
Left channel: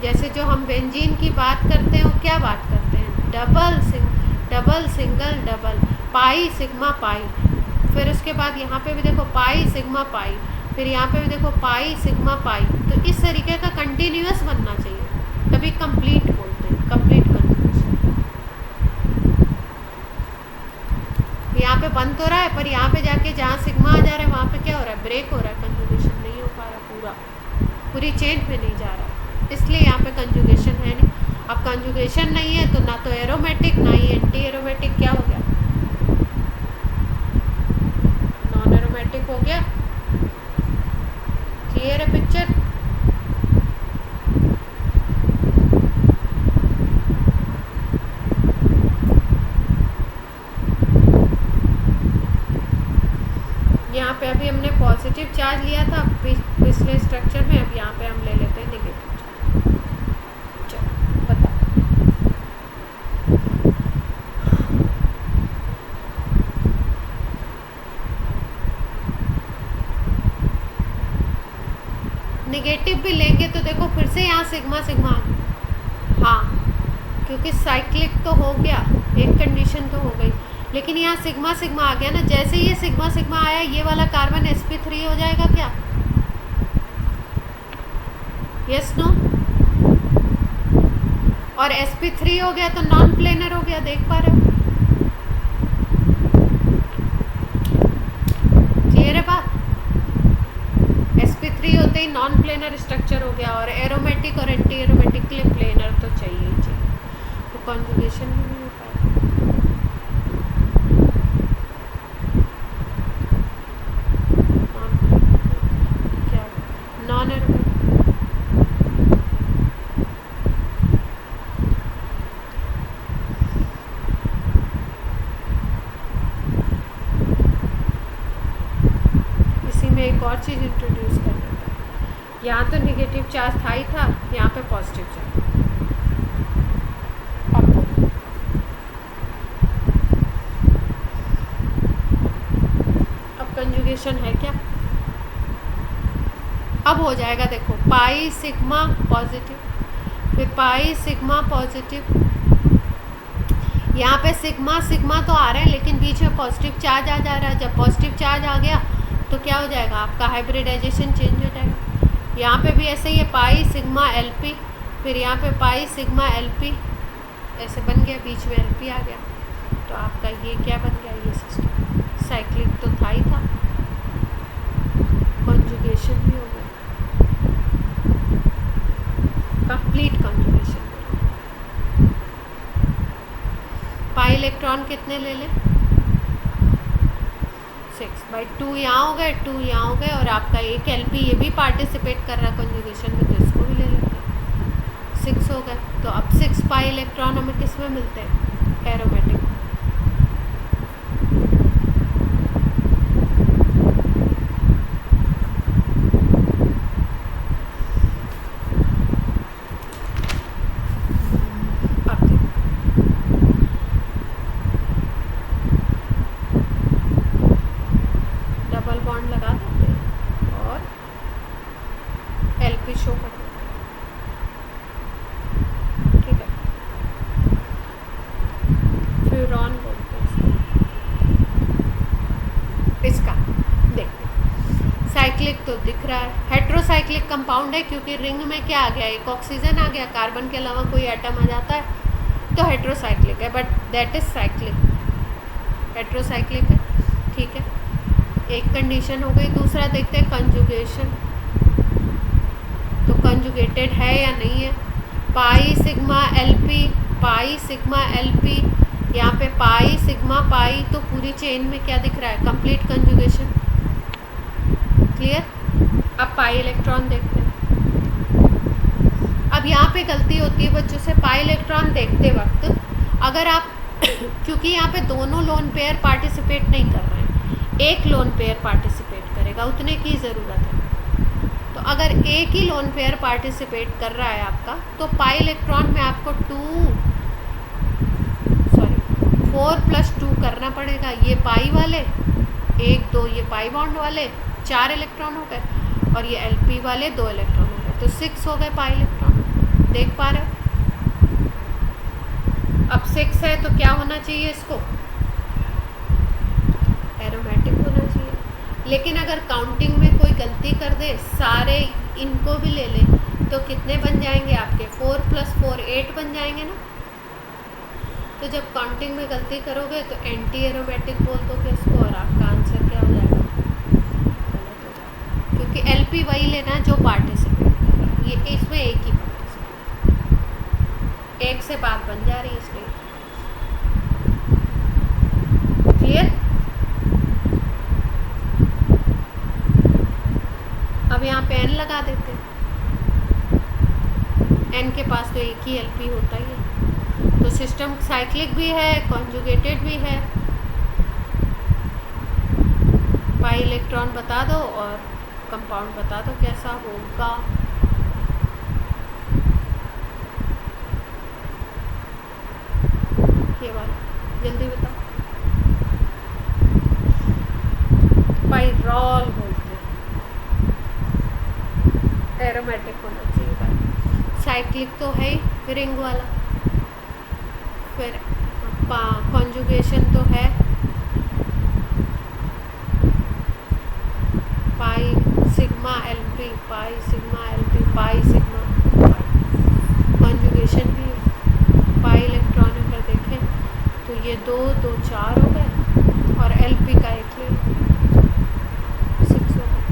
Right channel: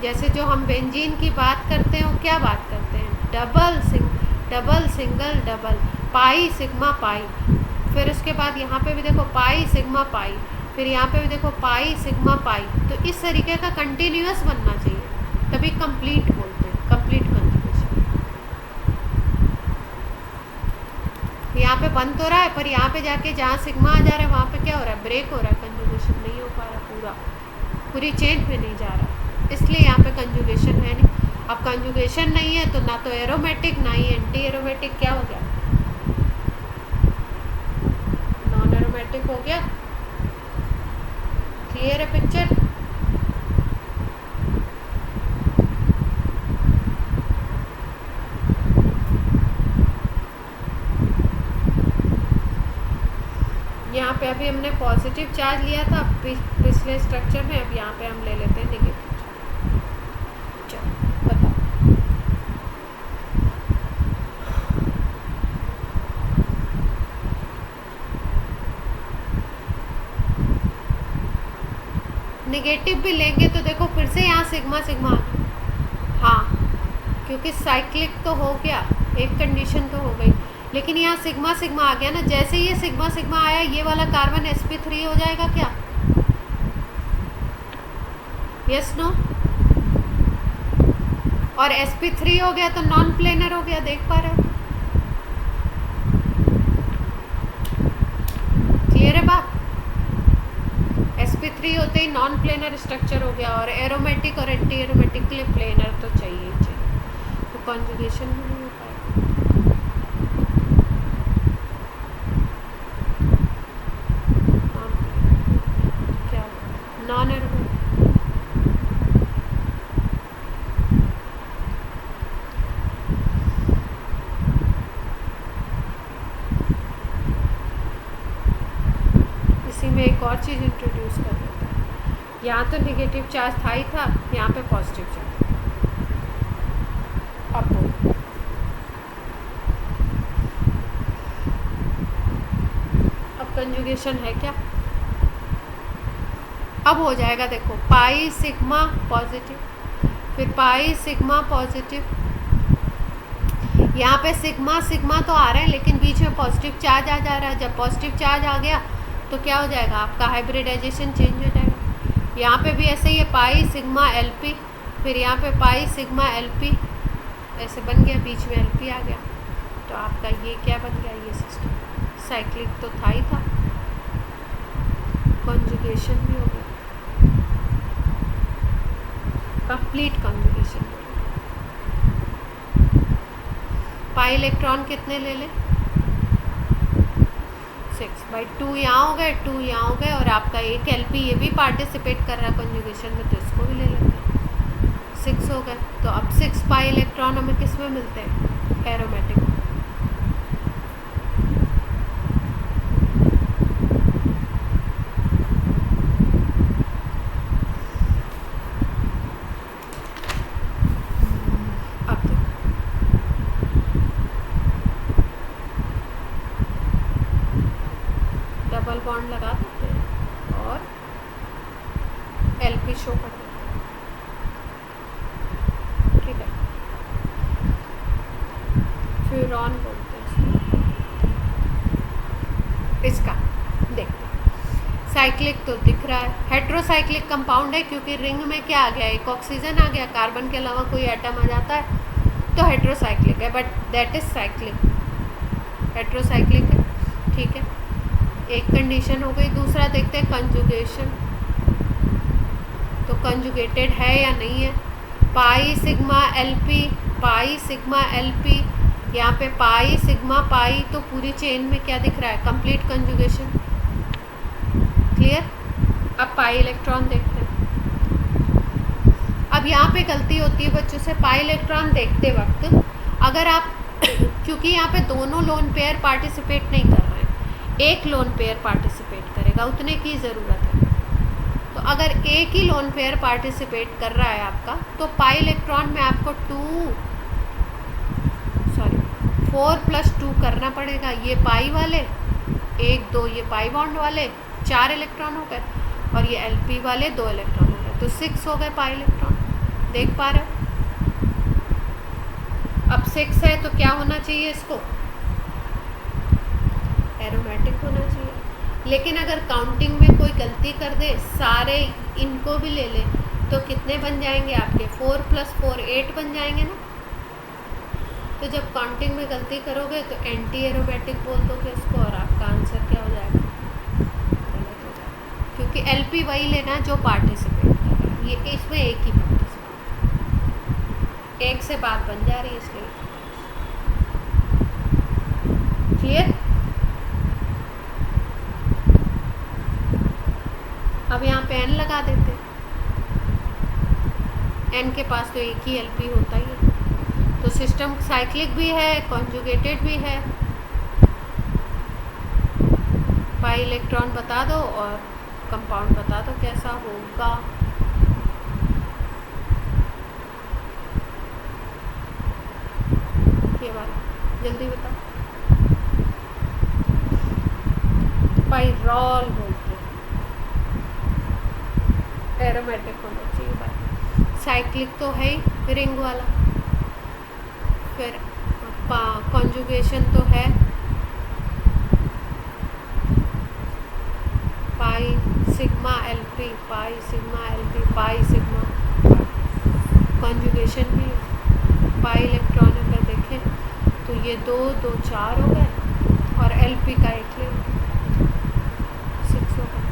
जैसे जो हम बेंजीन की बात करते हैं वो क्या बात करते हैं, double single double, pi sigma pi, फिर उसके बाद यहाँ पे भी देखो पाई सिग्मा पाई, फिर यहाँ पे भी देखो पाई सिग्मा पाई। तो इस तरीके का कंटिन्यूअस बनना चाहिए, तभी कंप्लीट बोलते हैं, कंप्लीट कंजुगेशन। यहाँ पे बंद तो रहा है, पर यहाँ पे जाके जहाँ सिग्मा आ जा रहा है वहाँ पे क्या हो रहा है, ब्रेक हो रहा है, कंजुगेशन नहीं हो पा रहा, पूरी चेन में नहीं जा रहा, इसलिए यहाँ पे कंजुगेशन है नहीं। अब कंजुगेशन नहीं है तो ना तो एरोमेटिक ना ही एंटी एरोमेटिक, क्या हो गया, नॉन एरोमेटिक हो गया। क्लियर है पिक्चर। यहाँ पे अभी हमने पॉजिटिव चार्ज लिया था पिछले स्ट्रक्चर में, अब यहाँ पे हम ले लेते हैं नेगेटिव चार्ज। चलो बताओ, नेगेटिव भी लेंगे तो देखो फिर से यहाँ सिग्मा सिग्मा आ गया, हाँ क्योंकि साइक्लिक तो हो गया, एक कंडीशन तो हो गई, लेकिन यहाँ सिग्मा सिग्मा आ गया ना। जैसे ये सिग्मा सिग्मा आया, ये वाला कार्बन sp3 हो जाएगा क्या, यस नो, और sp3 हो गया तो नॉन प्लेनर हो गया, देख पा रहे हो, क्लियर है बात। sp3 होते ही नॉन प्लेनर स्ट्रक्चर हो गया, और एरोमेटिक और एंटी एरोमेटिक के लिए प्लेनर तो चाहिए ही चाहिए, तो कॉन्जुगेशन भी नहीं हो पाएगा। नॉन एरोमेटिक इसी में एक और चीज़ इंट्रोड्यूस कर देता है। यहाँ तो नेगेटिव चार्ज था ही था, यहाँ पे पॉजिटिव चार्ज। अब बोलो, अब कंजुगेशन है क्या, अब हो जाएगा। देखो पाई सिग्मा पॉजिटिव, फिर पाई सिग्मा पॉजिटिव, यहाँ पे सिग्मा सिग्मा तो आ रहे हैं लेकिन बीच में पॉजिटिव चार्ज आ जा रहा है। जब पॉजिटिव चार्ज आ गया तो क्या हो जाएगा, आपका हाइब्रिडाइजेशन चेंज हो जाएगा। यहाँ पे भी ऐसे ही है, पाई सिग्मा एलपी, फिर यहाँ पे पाई सिग्मा एलपी ऐसे बन गया, बीच में एलपी आ गया, तो आपका ये क्या बन गया, ये सिस्टम साइक्लिक तो था ही था, कॉन्जुगेशन भी हो गया, कंप्लीट कॉन्जुगेशन। पाई इलेक्ट्रॉन कितने ले लें, 6/2 यहाँ हो गए, 2 यहाँ हो गए, और आपका एक एलपी ये भी पार्टिसिपेट कर रहा है कॉन्जुगेशन में, तो इसको भी ले लेते हैं, 6 हो गए। तो अब 6 पाई इलेक्ट्रॉन हमें किस में मिलते हैं, एरोमेटिक। डबल बॉन्ड लगा देते हैं और एलपी शो कर देते हैं, ठीक है, फ्यूरॉन बोलते हैं इसका। देखते हैं साइक्लिक तो दिख रहा है, हेट्रोसाइक्लिक कंपाउंड है क्योंकि रिंग में क्या आ गया, एक ऑक्सीजन आ गया, कार्बन के अलावा कोई एटम आ जाता है तो हेट्रोसाइक्लिक है, but that is cyclic, heterocyclic है। ठीक है, एक कंडीशन हो गई। दूसरा देखते हैं कंजुगेशन, तो कंजुगेटेड है या नहीं है। Pi sigma LP, pi sigma LP, यहाँ पे पाई सिग्मा पाई, तो पूरी चेन में क्या दिख रहा है, कंप्लीट कंजुगेशन। क्लियर। अब पाई इलेक्ट्रॉन देखते हैं। अब यहाँ पे गलती होती है बच्चों से, पाई इलेक्ट्रॉन देखते वक्त अगर आप क्योंकि यहाँ पे दोनों लोन पेयर पार्टिसिपेट नहीं कर रहे हैं, एक लोन पेयर पार्टिसिपेट करेगा, उतने की ज़रूरत है। तो अगर एक ही लोन पेयर पार्टिसिपेट कर रहा है आपका, तो पाई इलेक्ट्रॉन में आपको 4 + 2 करना पड़ेगा। ये पाई वाले 1 2, ये पाई बॉन्ड वाले 4 इलेक्ट्रॉन हो गए, और ये एलपी वाले 2 इलेक्ट्रॉन हो गए, तो 6 हो गए पाई इलेक्ट्रॉन। देख पा रहे हो। अब 6 है तो क्या होना चाहिए, इसको एरोमेटिक होना चाहिए। लेकिन अगर काउंटिंग में कोई गलती कर दे, सारे इनको भी ले ले, तो कितने बन जाएंगे आपके, 4 + 4 8 बन जाएंगे ना। तो जब काउंटिंग में गलती करोगे तो एंटी एरोमेटिक बोल दोगे इसको, और आपका आंसर क्या हो जाएगा, गलत हो जाएगा, क्योंकि एलपी वही लेना है जो पार्टिसिपेट कर रहा है। ये इसमें एक ही पार्टिसिपेट, एक से बात बन जा रही है, इसलिए। क्लियर। अब यहाँ पे एन लगा देते हैं, एन के पास तो एक ही एलपी होता ही है, तो सिस्टम साइक्लिक भी है, कॉन्जुगेटेड भी है। पाई इलेक्ट्रॉन बता दो और कंपाउंड बता दो कैसा होगा। ये वाला जल्दी बताओ। पाइरॉल बोलते हैं, एरोमेटिक होना चाहिए भाई। साइक्लिक तो है ही रिंग वाला, फिर कॉन्जुगेशन तो है, pi sigma LP, pi sigma LP, pi sigma, conjugation भी है। पाई इलेक्ट्रॉन अगर देखें तो ये 2 2 4 हो गए, और एलपी का एक ले 6 हो गए।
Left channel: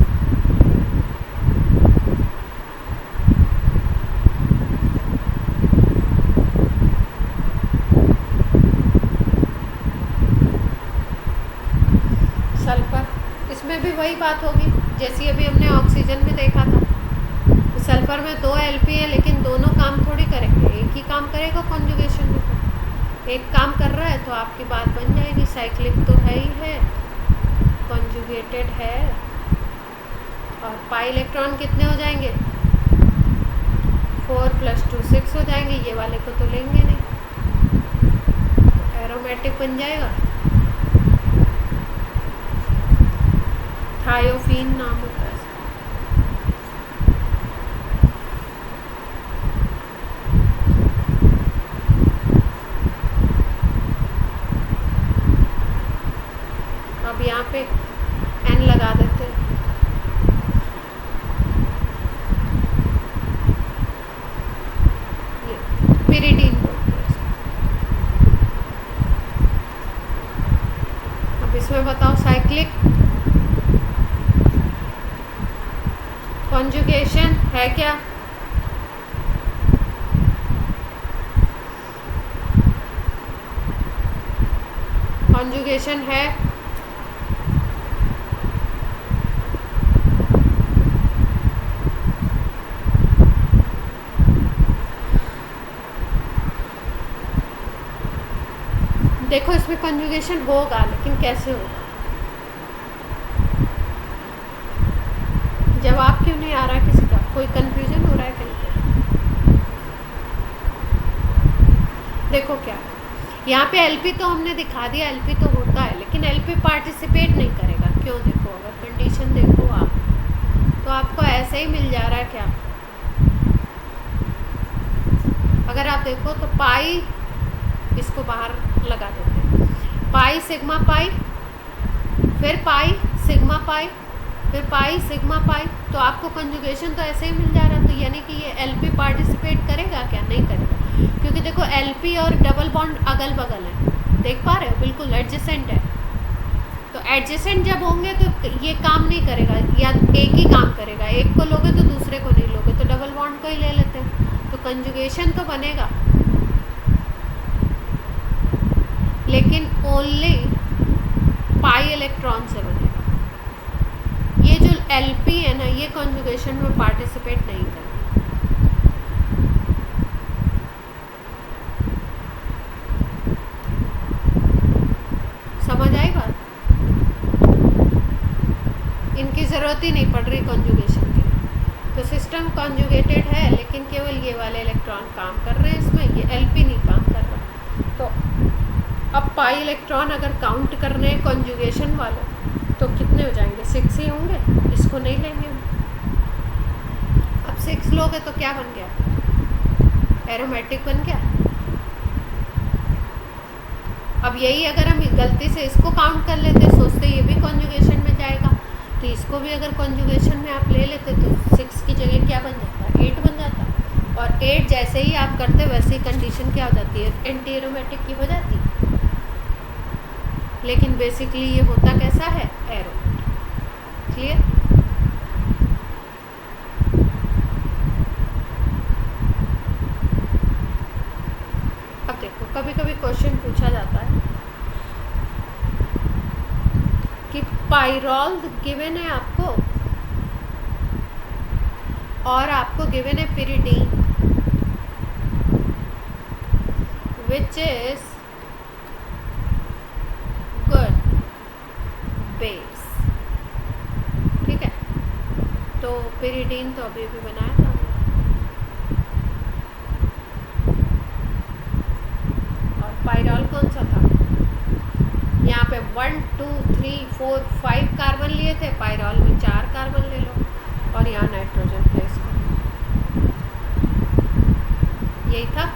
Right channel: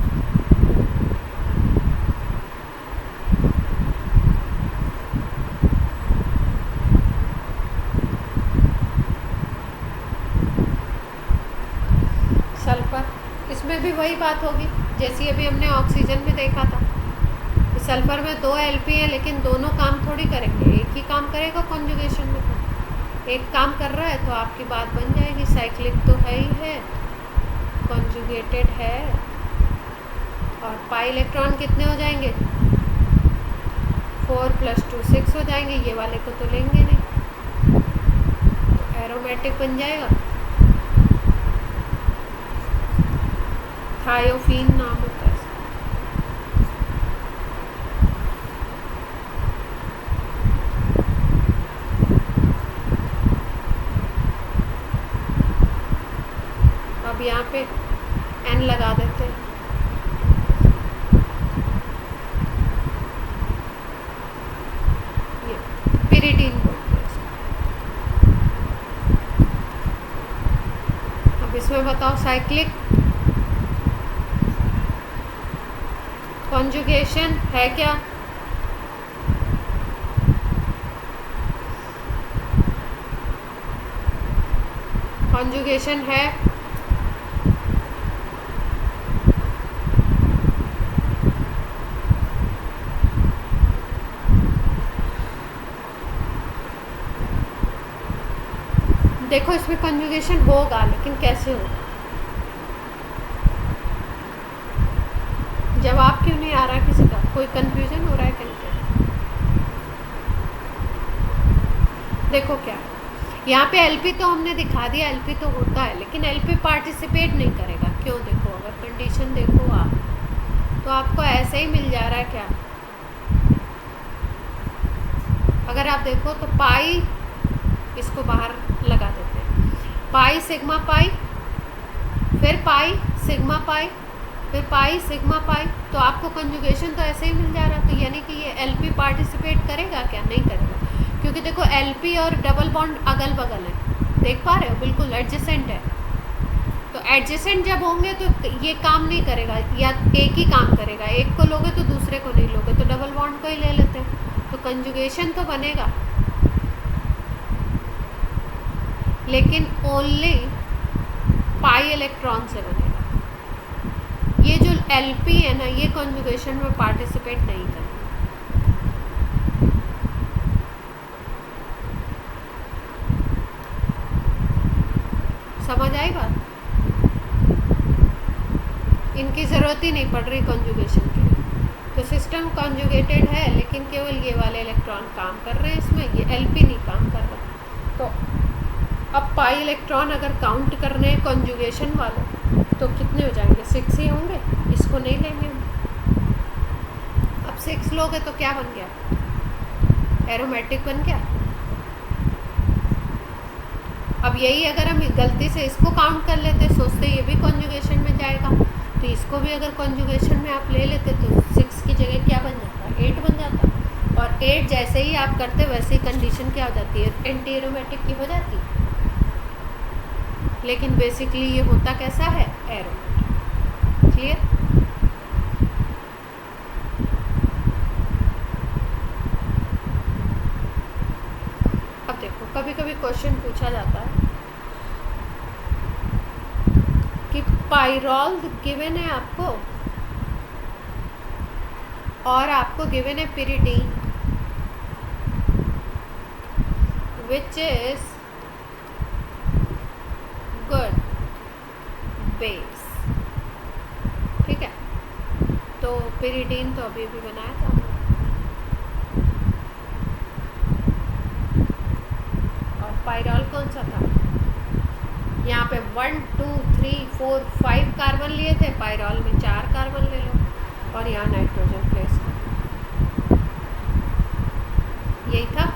सल्फर, इसमें भी वही बात होगी जैसी अभी हमने ऑक्सीजन में देखा था। सल्फर में 2 एलपी है, लेकिन दोनों काम थोड़ी करेंगे, एक ही काम करेगा कॉन्जुगेशन में। तो एक काम कर रहा है तो आपकी बात बन जाएगी, साइक्लिक तो है ही है, कॉन्जुगेटेड है, और पाई इलेक्ट्रॉन कितने हो जाएंगे, 4 + 2 6 हो जाएंगे। ये वाले को तो लेंगे नहीं, तो एरोमेटिक बन जाएगा। थायोफीन नाम होता है। अब यहाँ पे एन लगा देते हैं। ये पिरिडीन बोलते हैं इसको। अब इसमें बताओ साइक्लिक, कॉन्जुगेशन है क्या, कॉन्जुगेशन है, देखो इसमें कॉन्जुगेशन होगा, लेकिन कैसे होगा, जवाब क्यों नहीं आ रहा किसी का, कोई कंफ्यूजन हो रहा है कहीं पे। देखो क्या, यहाँ पे एलपी तो हमने दिखा दिया, एलपी तो होता है, लेकिन एलपी पार्टिसिपेट नहीं करेगा। क्यों, देखो अगर कंडीशन देखो आप, तो आपको ऐसे ही मिल जा रहा है क्या। अगर आप देखो तो पाई, इसको बाहर लगा देते हैं, पाई सिग्मा पाई, फिर पाई सिग्मा पाई, फिर पाई सिग्मा पाई, तो आपको कंजुगेशन तो ऐसे ही मिल जा रहा, तो यानी कि ये एलपी पार्टिसिपेट करेगा क्या? नहीं करेगा, क्योंकि देखो एलपी और डबल बॉन्ड अगल बगल है, देख पा रहे हो, बिल्कुल एडजेसेंट है। तो एडजेसेंट जब होंगे तो ये काम नहीं करेगा, या एक ही काम करेगा, एक को लोगे तो दूसरे को नहीं लोगे, तो डबल बॉन्ड को ही ले लेते हैं, तो कंजुगेशन तो बनेगा, लेकिन ओनली पाई इलेक्ट्रॉन से बनेगा। ये जो एलपी है ना, ये कॉन्जुगेशन में पार्टिसिपेट नहीं करेगा। समझ आई बात? इनकी ज़रूरत ही नहीं पड़ रही कॉन्जुगेशन के, तो सिस्टम कॉन्जुगेटेड है, लेकिन केवल ये वाले इलेक्ट्रॉन काम कर रहे हैं इसमें, ये एलपी नहीं काम कर रहा। तो अब पाई इलेक्ट्रॉन अगर काउंट करने हैं कॉन्जुगेशन वाले, तो कितने हो जाएंगे? 6 ही होंगे, इसको नहीं लेंगे हम। अब 6 लोगे तो क्या बन गया? एरोमेटिक बन गया। अब यही अगर हम गलती से इसको काउंट कर लेते, सोचते ये भी कॉन्जुगेशन में जाएगा, तो इसको भी अगर कॉन्जुगेशन में आप ले लेते तो 6 की जगह क्या बन जाता? 8 बन जाता। और 8 जैसे ही आप करते वैसे ही कंडीशन क्या हो जाती है? एंटी एरोमेटिक की हो जाती है। लेकिन बेसिकली ये होता कैसा है? एरोमेटिक। क्लियर? अब देखो, कभी कभी क्वेश्चन पूछा जाता है कि पाइरॉल गिवन है आपको और आपको गिवन है pyridine, which is good base. ठीक है, तो पिरिडीन तो अभी भी बनाया था, और पाइरॉल कौन सा था? यहाँ पे 1 2 3 4 5 कार्बन लिए थे, पाइरॉल में 4 कार्बन ले लो, और यहाँ नाइट्रोजन प्लेस करो। यही था।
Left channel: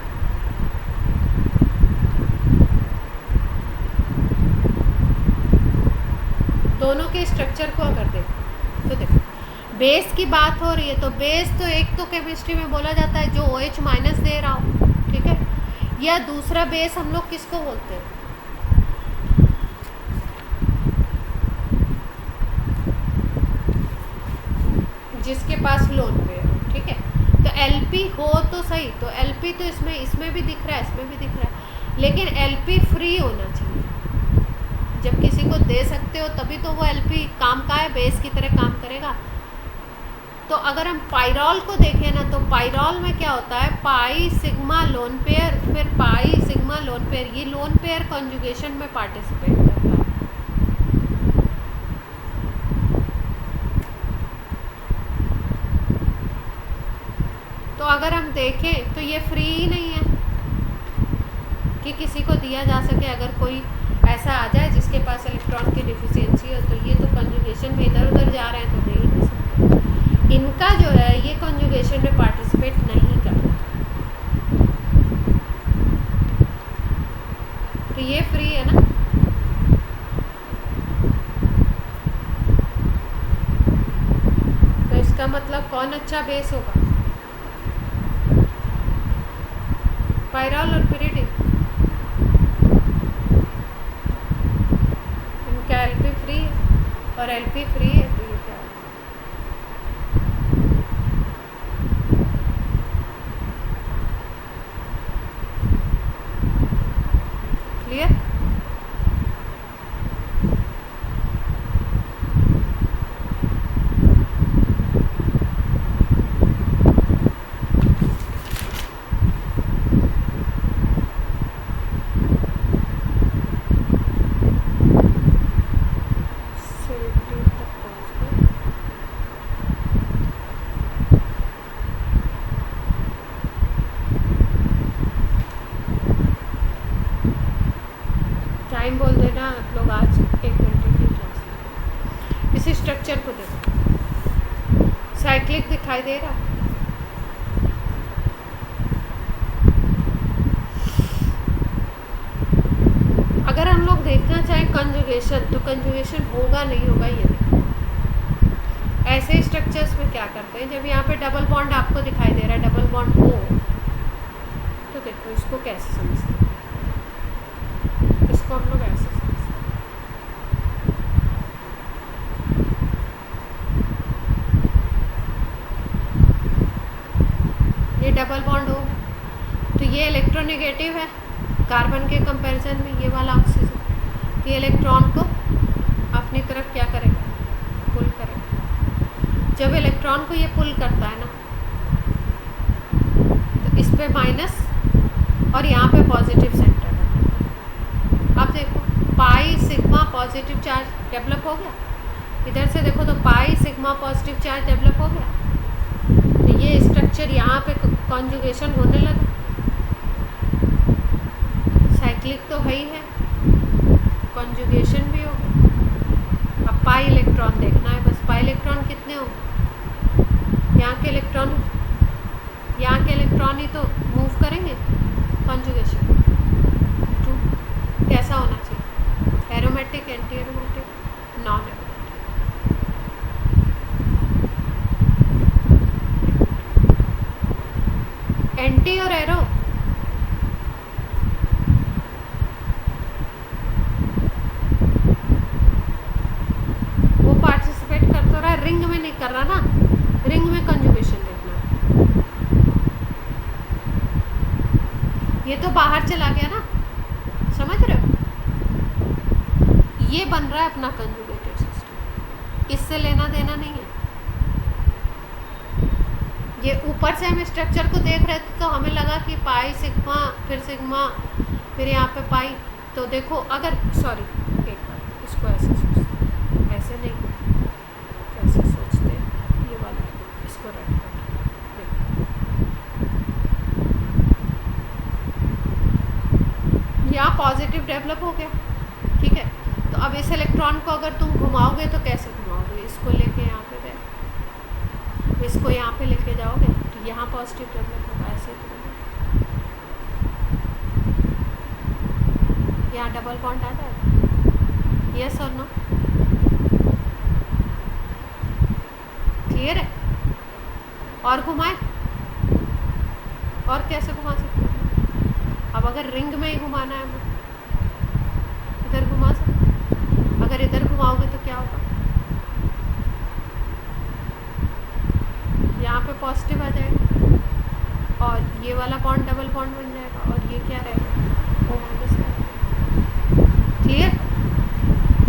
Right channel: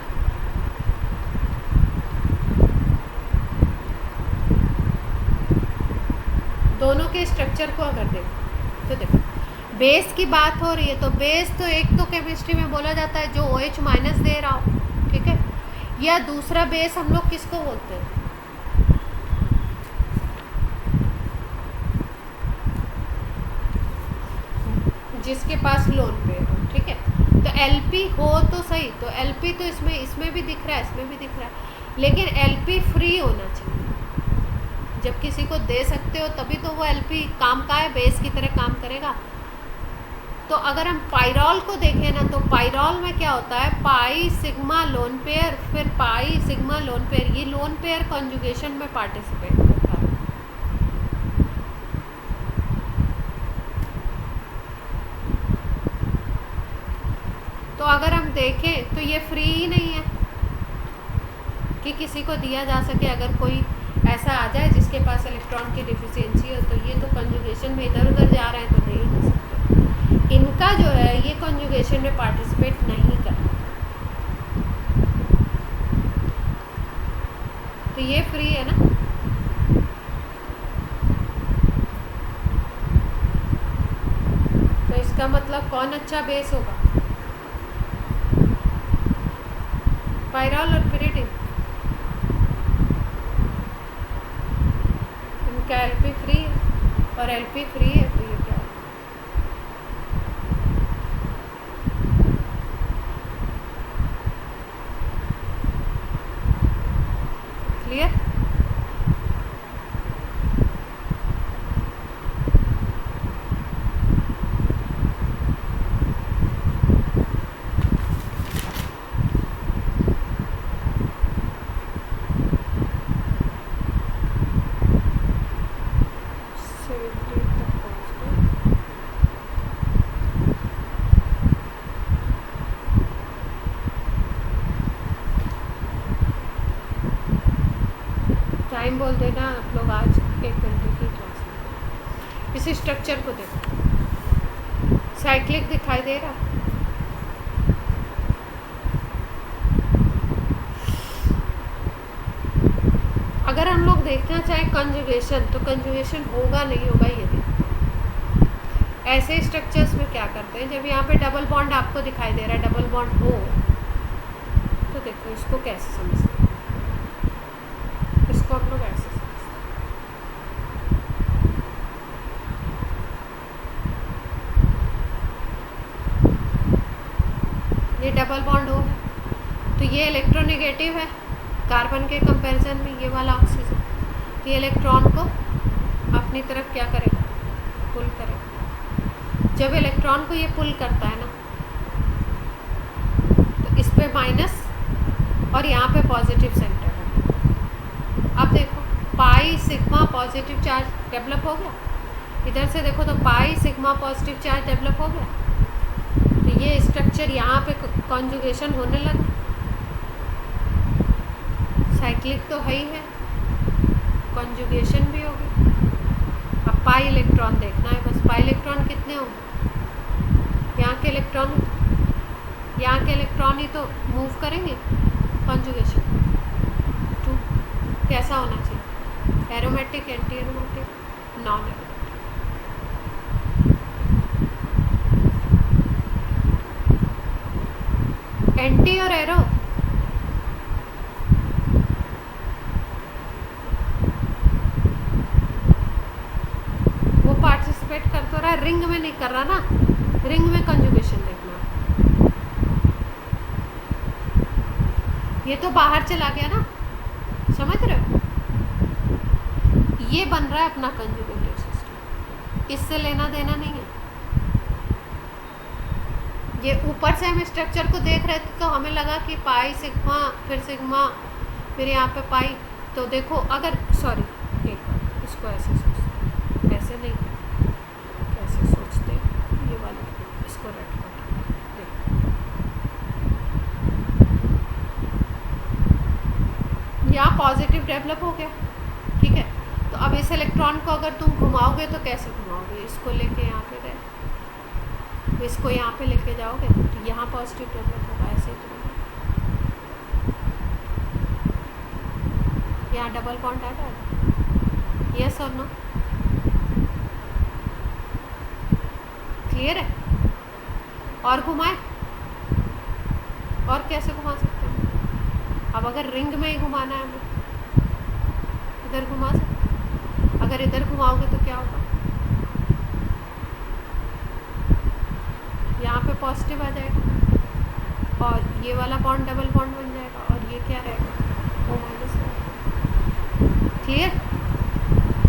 दोनों के स्ट्रक्चर को अगर देखो तो देखो, बेस की बात हो रही है, तो बेस तो एक तो केमिस्ट्री में बोला जाता है जो OH माइनस दे रहा हो, ठीक है, या दूसरा बेस हम लोग किसको बोलते हैं? जिसके पास लोन पेयर हो, ठीक है। तो एलपी हो तो सही, तो एलपी तो इसमें भी दिख रहा है, इसमें भी दिख रहा है, लेकिन एलपी फ्री होना चाहिए। जब किसी को दे सकते हो तभी तो वो एलपी काम का है, बेस की तरह काम करेगा। तो अगर हम पाइरॉल को देखें ना, तो पाइरॉल में क्या होता है? पाई सिग्मा लोन पेयर, फिर पाई सिग्मा लोन पेयर, ये लोन पेयर कॉन्जुगेशन में पार्टिसिपेट करता है। तो अगर हम देखें तो ये फ्री ही नहीं है कि किसी को दिया जा सके। अगर कोई ऐसा आ जाए जिसके पास इलेक्ट्रॉन की डिफिशियंसी है, तो ये तो कंजुगेशन में इधर उधर जा रहे हैं, तो दे ही नहीं सकते। इनका जो है ये कंजुगेशन में पार्टिसिपेट नहीं करता, तो ये फ्री है ना। तो इसका मतलब कौन अच्छा बेस होगा? पाइरॉल और पिरिडीन। इनका एलपी फ्री है और एलपी फ्री है, तो ये क्या है? क्लियर? टाइम बोल देना आप लोग, आज 1 घंटे की क्लास में। इसी स्ट्रक्चर को देखो, साइक्लिक दिखाई दे रहा। अगर हम लोग देखना चाहें कंजुगेशन, तो कंजुगेशन होगा नहीं होगा ये देखो। ऐसे स्ट्रक्चर्स में क्या करते हैं, जब यहाँ पे डबल बॉन्ड आपको दिखाई दे रहा है, डबल बॉन्ड हो, तो देखो इसको कैसे समझते हैं, इसको हम लोग ऐसे समझते हैं। ये डबल बॉन्ड हो है, तो ये इलेक्ट्रोनेगेटिव है कार्बन के कंपैरिजन में, ये वाला ऑक्सीजन, तो ये इलेक्ट्रॉन को अपनी तरफ क्या करेगा, पुल करेगा। जब इलेक्ट्रॉन को ये पुल करता है ना, तो इस पे माइनस और यहाँ पे पॉजिटिव सेंटर है। अब देखो pi sigma positive charge develop हो गया, इधर से देखो तो pi sigma positive charge develop हो गया, तो ये स्ट्रक्चर यहाँ पे कॉन्जुगेशन होने लगा। साइक्लिक तो है ही है, कॉन्जुगेशन भी हो गया। अब पाई इलेक्ट्रॉन देखना है बस, पाई इलेक्ट्रॉन कितने होंगे, यहाँ के इलेक्ट्रॉन ही तो मूव करेंगे कॉन्जुगेशन टू। कैसा होना चाहिए, aromatic, anti aromatic, non aromatic. Anti और एरो वो पार्टिसिपेट कर तो रहा है, रिंग में नहीं कर रहा ना, रिंग में कंजुगेशन देखना है। ये तो बाहर चला गया ना, समझ रहे हो, ये बन रहा है अपना कंजुगेटेड सिस्टम, इससे लेना देना नहीं है। ये ऊपर से हम स्ट्रक्चर को देख रहे थे तो हमें लगा कि पाई सिग्मा फिर यहाँ पे पाई, तो देखो अगर सॉरी एक बार इसको ऐसे सोचते, ऐसे नहीं, कैसे सोचते, ये वाला इसको रट देखो, यहाँ पॉजिटिव डेवलप हो गया, ठीक है। तो अब इस इलेक्ट्रॉन को अगर तुम घुमाओगे तो कैसे घुमाओगे, इसको लेके यहाँ पे गए, इसको यहाँ पे लेके जाओगे तो यहाँ पॉजिटिव डेवलप होगा, ऐसे तो यहाँ डबल बॉन्ड आ जाएगा। यस और नो, क्लियर है। और घुमाए, और कैसे घुमा सकते हैं, अब अगर रिंग में ही घुमाना है हमें, इधर घुमा सकते हैं, अगर इधर घुमाओगे तो क्या होगा, यहाँ पे पॉजिटिव आ जाएगा और ये वाला बॉन्ड डबल बॉन्ड बन जाएगा, और ये क्या रहेगा, O- रहेगा, क्लियर।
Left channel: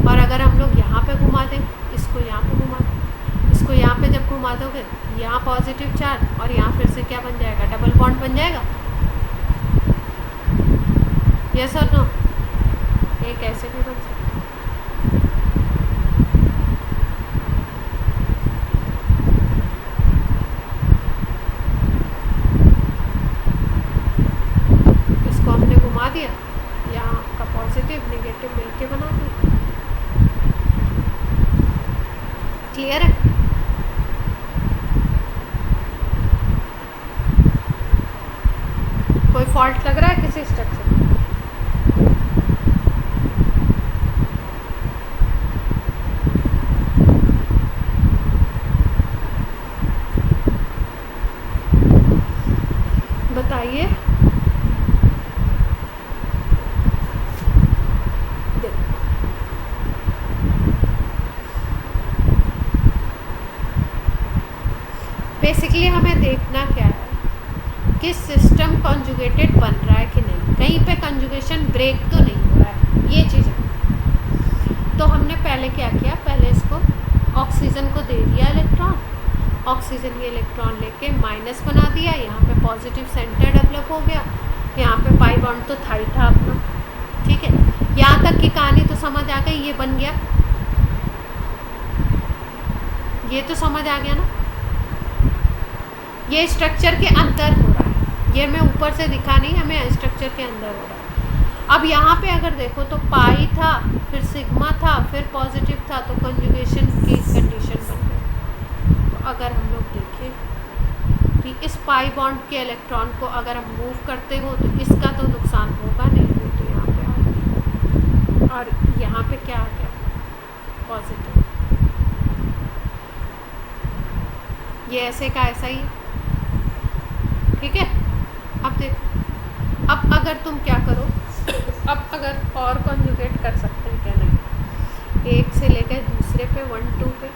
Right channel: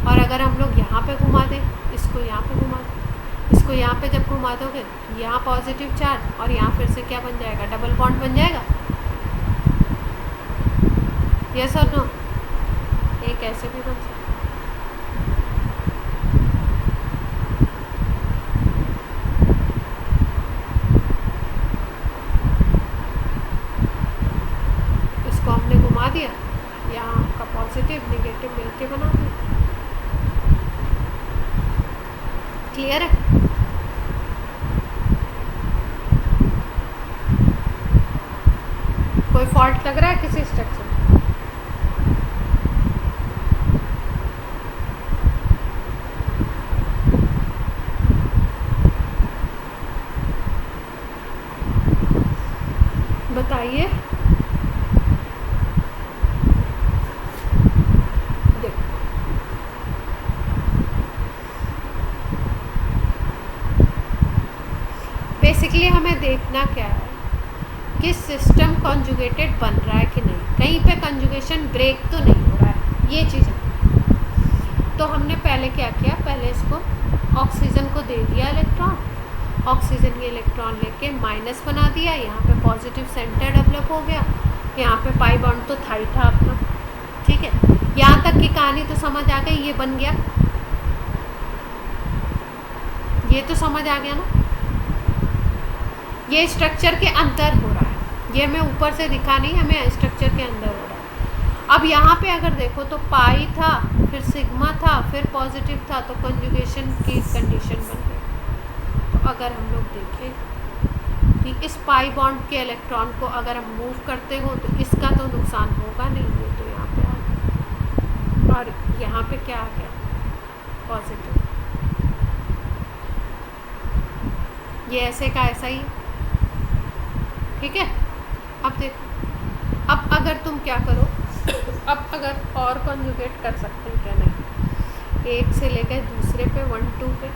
और अगर हम लोग यहाँ पे घुमा दें, इसको यहाँ पे घुमा दें, इसको यहाँ पे जब घुमा दोगे तो यहाँ पॉजिटिव चार्ज और यहाँ फिर से क्या बन जाएगा, डबल बॉन्ड बन जाएगा। यस और नो, एक ऐसे भी बन सकता है। इसको हमने घुमा दिया, यहाँ का पॉजिटिव नेगेटिव मिलके बना दिया, क्लियर है। कोई फॉल्ट लग रहा है किसी स्ट्रक्चर में, बताइए। बेसिकली हमें देखना क्या है कि सिस्टम कॉन्जुगेटेड बन रहा है कि नहीं, कहीं पे कंजुगेशन ब्रेक तो नहीं हो रहा है, ये चीज़ है। तो हमने पहले क्या किया, पहले इसको ऑक्सीजन को दे दिया इलेक्ट्रॉन, ऑक्सीजन ये इलेक्ट्रॉन लेके माइनस बना दिया, यहाँ पे पॉजिटिव सेंटर डेवलप हो गया, यहाँ पे पाई बॉन्ड तो था ही था अपना, ठीक है। यहाँ तक की कहानी तो समझ आ गई, ये बन गया, ये तो समझ आ गया ना। ये स्ट्रक्चर के अंदर हो रहा है, ये हमें ऊपर से दिखा नहीं, हमें स्ट्रक्चर के अंदर हो रहा है। अब यहाँ पे अगर देखो तो पाई था, फिर सिग्मा था, फिर पॉजिटिव था, तो कंजुगेशन की कंडीशन बन गई। तो अगर हम लोग देखें कि इस पाई बॉन्ड के इलेक्ट्रॉन को अगर हम मूव करते हो तो इसका तो नुकसान होगा नहीं, ये तो यहाँ पे आ गया, और यहाँ पे क्या आ गया, पॉजिटिव। ये ऐसे का ऐसा ही है। ठीक है, अब देखो, अब अगर तुम क्या करो, अब अगर और कॉन्जुगेट कर सकते हैं क्या, नहीं, एक से लेकर दूसरे पे 1 2 पे,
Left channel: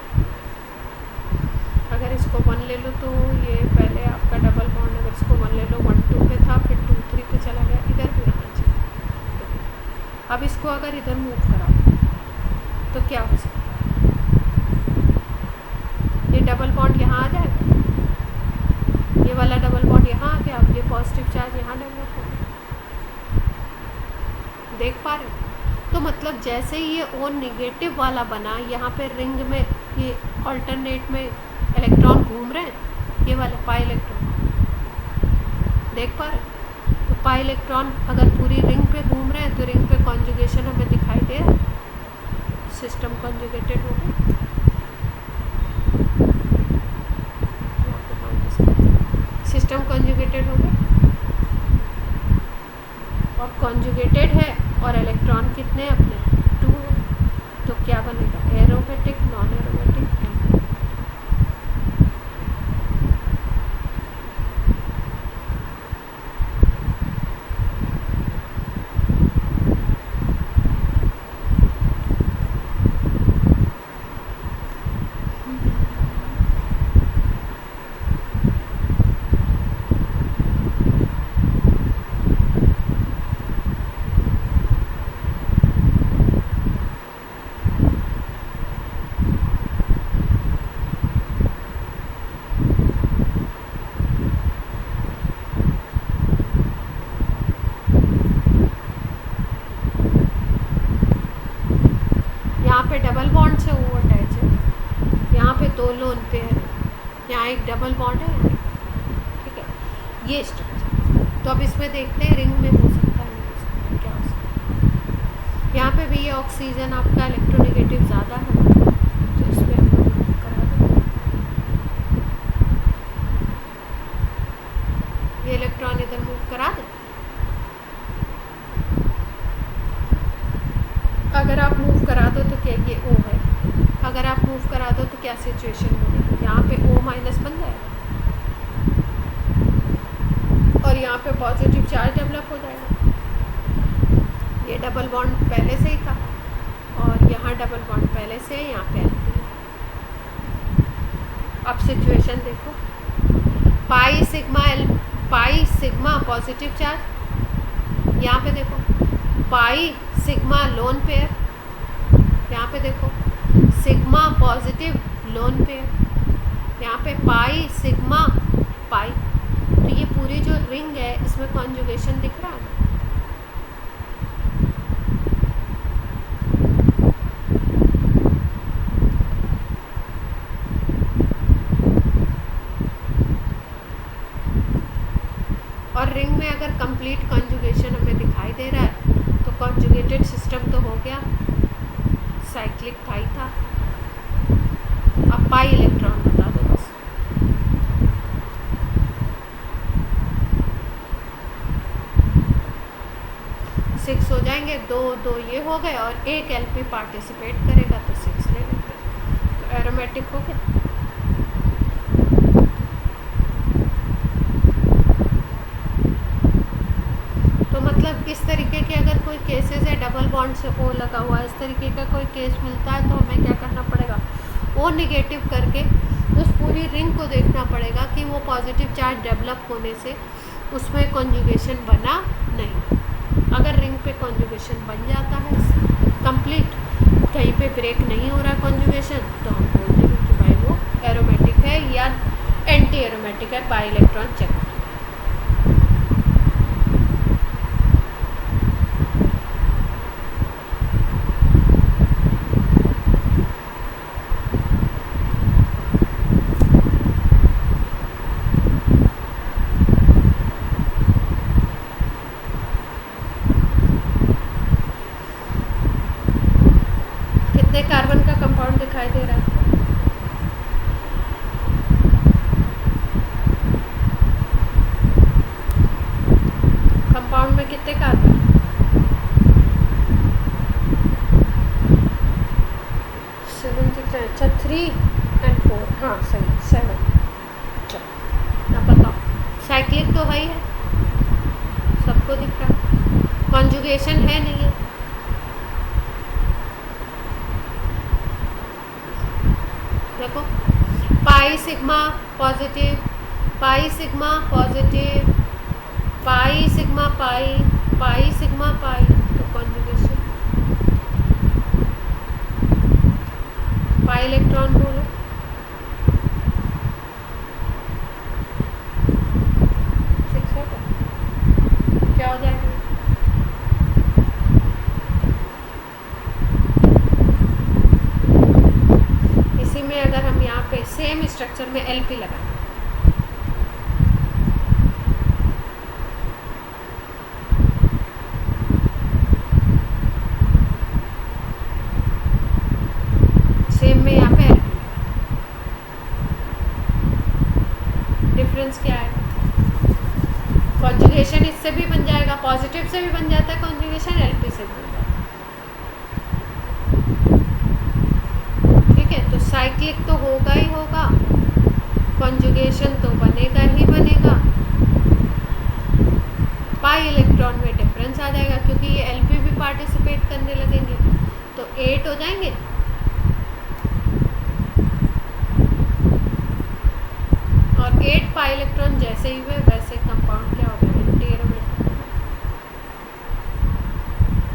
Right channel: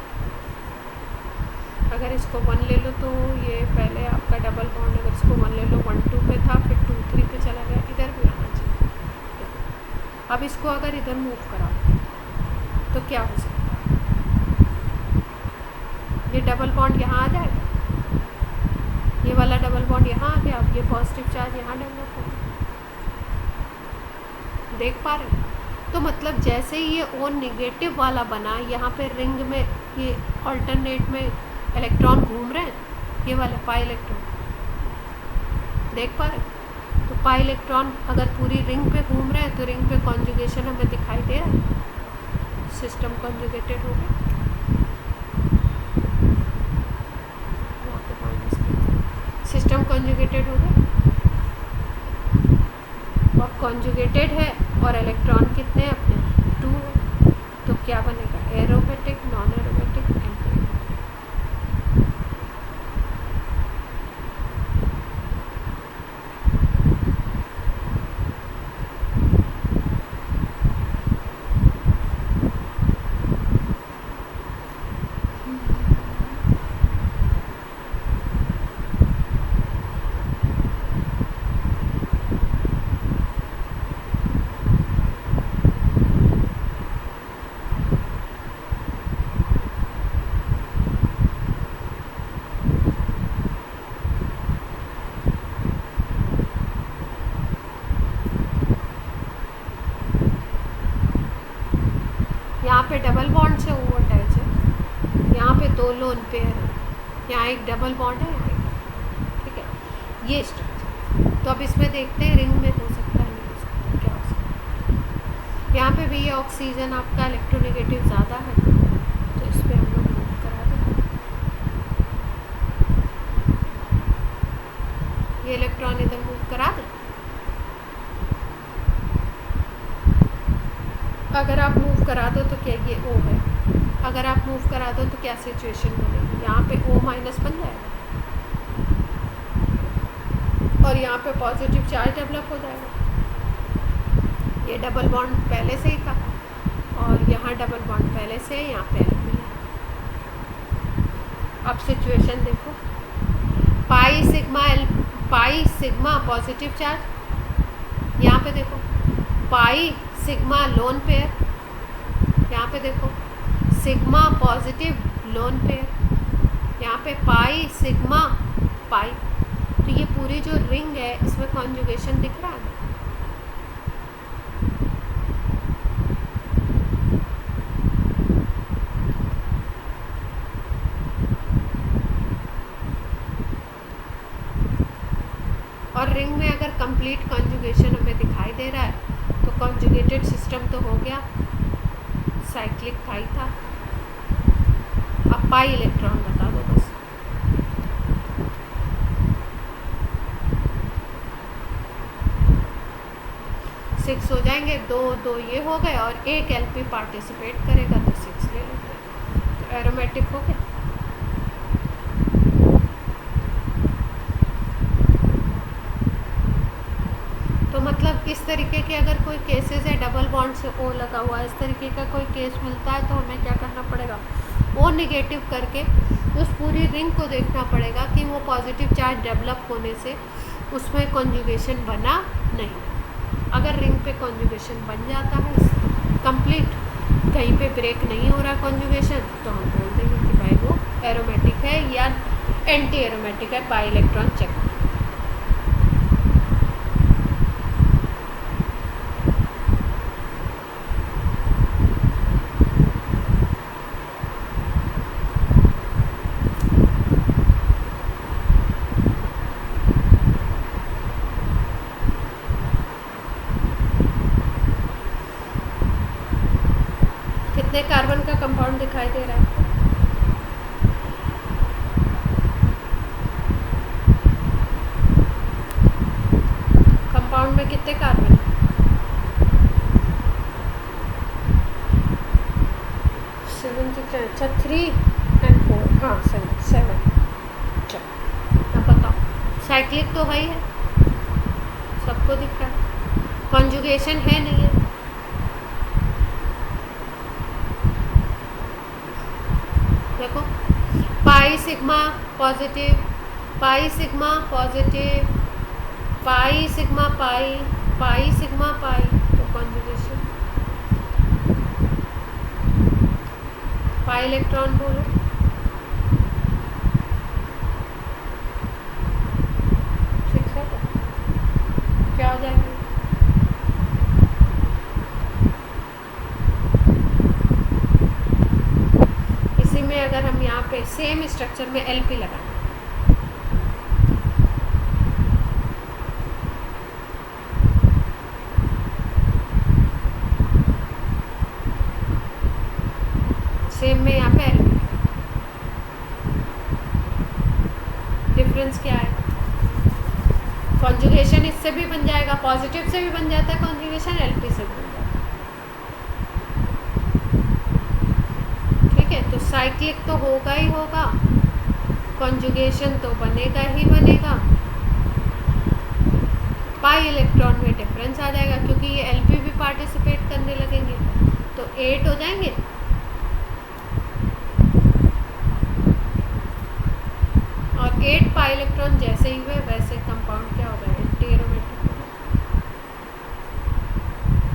अगर इसको 1 ले लो तो ये पहले आपका डबल बॉन्ड, अगर इसको 1 ले लो 1 2 पे था, फिर 2 3 पे चला गया, इधर भी आना चाहिए। देखो अब इसको अगर इधर मूव कराओ तो क्या हो सकता है, ये डबल बॉन्ड यहाँ आ जाएगा, ये वाला डबल बॉन्ड यहाँ आ गया, अब ये पॉजिटिव चार्ज यहाँ डेवलप हो गया। देख पा रहे हो? तो मतलब जैसे ही ये ओ निगेटिव वाला बना, यहाँ पे रिंग में ये ऑल्टरनेट में इलेक्ट्रॉन घूम रहे हैं, ये वाले पाई इलेक्ट्रॉन, देख पा रहे हो? तो पाई इलेक्ट्रॉन अगर पूरी रिंग पे घूम रहे हैं तो रिंग पे कॉन्जुगेशन हमें दिखाई दे रहा है, सिस्टम कॉन्जुगेटेड हो गया। सिस्टम कॉन्जुगेटेड हो गया, और कॉन्जुगेटेड है और इलेक्ट्रॉन कितने हैं अपने 2 है, तो क्या बनेगा, एरोमेटिक, नॉन एरोमेटिक, एंटी। यहाँ पे डबल बॉन्ड से वो अटैच है, यहाँ पे 2 लोन पेयर है, यहाँ एक डबल बॉन्ड है, यहाँ एक, ठीक है, ये स्ट्रक्चर। तो अब इसमें देखते हैं रिंग में हो सकता है, नहीं हो सकता, क्या हो सकता है। यहाँ पे भी ये ऑक्सीजन आपका इलेक्ट्रोनेगेटिव ज़्यादा है, तो इसमें हम लोग मूव करा दें, ये इलेक्ट्रॉन इधर मूव करा दें। अगर आप मूव करा दो तो क्या ये O है, अगर आप मूव करा दो तो क्या सिचुएशन बनेगी, यहाँ पे O माइनस बन जाएगा और यहाँ पे पॉजिटिव चार्ज डेवलप हो जाएगा। ये डबल बॉन्ड पहले से ही था और यहाँ डबल बॉन्ड पहले से है, यहाँ पे Lp है। अब सिचुएशन देखो, पाई सिग्मा पॉजिटिव चार्ज, यहाँ पे देखो पाई सिग्मा लोन पेयर, यहाँ पे देखो सिग्मा पॉजिटिव लोन पेयर, यहाँ पे पाई सिग्मा पाई, तो ये पूरी जो रिंग है इसमें कॉन्जुगेशन दिख रहा है। और रिंग में अगर कंप्लीट कॉन्जुगेशन हमें दिखाई दे रहा है तो कॉन्जुगेटेड सिस्टम तो हो गया, साइक्लिक था ही था। अब पाई इलेक्ट्रॉन बता दो बस, सिक्स हो जाएंगे, 2 ये हो गए और एक एलपी पार्टिसिपेट करेगा तो 6 ले लेते हैं, तो एरोमेटिक हो गया। तो मतलब इस तरीके के अगर कोई केसेस है डबल बॉन्ड से O लगा हुआ है, इस तरीके का कोई केस मिलता है तो हमें क्या करना पड़ेगा, O नेगेटिव करके उस पूरी रिंग को देखना पड़ेगा कि वो पॉजिटिव चार्ज डेवलप होने से उसमें कॉन्जुगेशन बना नहीं। अगर रिंग पे कॉन्जुगेशन बन जाता है कंप्लीट, कहीं पे ब्रेक नहीं हो रहा कॉन्जुगेशन, तो हम बोल देंगे कि भाई वो एरोमेटिक है या एंटी एरोमेटिक है, पाई इलेक्ट्रॉन चेक। कितने कार्बन का कंपाउंड दिखाई दे रहा है, कंपाउंड में कितने कार्बन है, 7 6, अच्छा 3 और 4, हाँ सही 7। साइक्लिक तो है ही है, सबको दिख रहा है, कॉन्जुगेशन है नहीं है। देखो pi sigma positive, pi sigma positive, pi sigma pi, pi sigma pi, तो कॉन्जुगेशन। पाई इलेक्ट्रॉन बोलो, क्या हो जाएगा? इसी में अगर हम यहाँ पे सेम स्ट्रक्चर में एलपी लगाएं, सेम में यहाँ पे एलपी, डिफरेंस क्या है? कॉन्जुगेशन इससे भी बन जाएगा, पॉजिटिव से भी बन जाता है कॉन्जुगेशन, एलपी से भी बन जाता है। ठीक है, तो साइक्लिक तो होगा ही होगा, कॉन्जुगेशन तो बनेगा ही बनेगा, पाई इलेक्ट्रॉन में डिफरेंस आ जाएगा क्योंकि ये एलपी भी पार्टिसिपेट करने लगेंगे, तो 8 हो जाएंगे। और 8 पाई इलेक्ट्रॉन जैसे ही हुए वैसे कंपाउंड क्या होगा? Anti aromatic.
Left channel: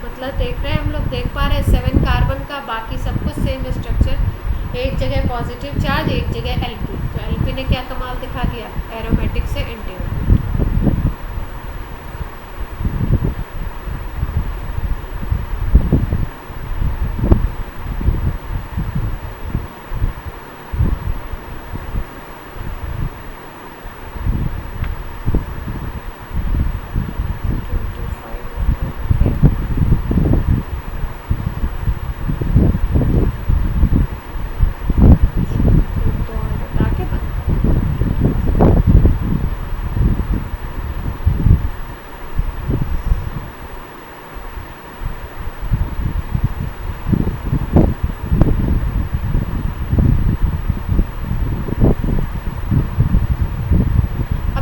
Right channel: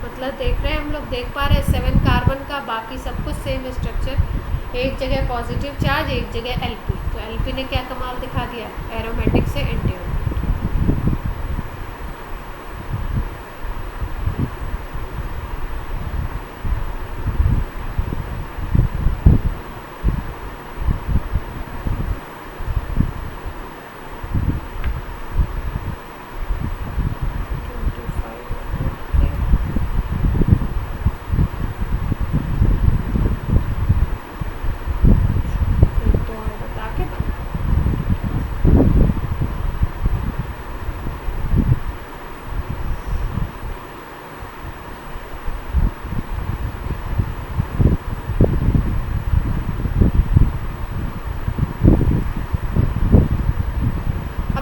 मतलब देख रहे हैं हम लोग, देख पा रहे हैं 7 कार्बन का बाकी सब कुछ सेम स्ट्रक्चर, एक जगह पॉजिटिव चार्ज, एक जगह एलपी। तो एलपी ने क्या कमाल दिखा दिया? एरोमेटिक से एंटी एरोमेटिक।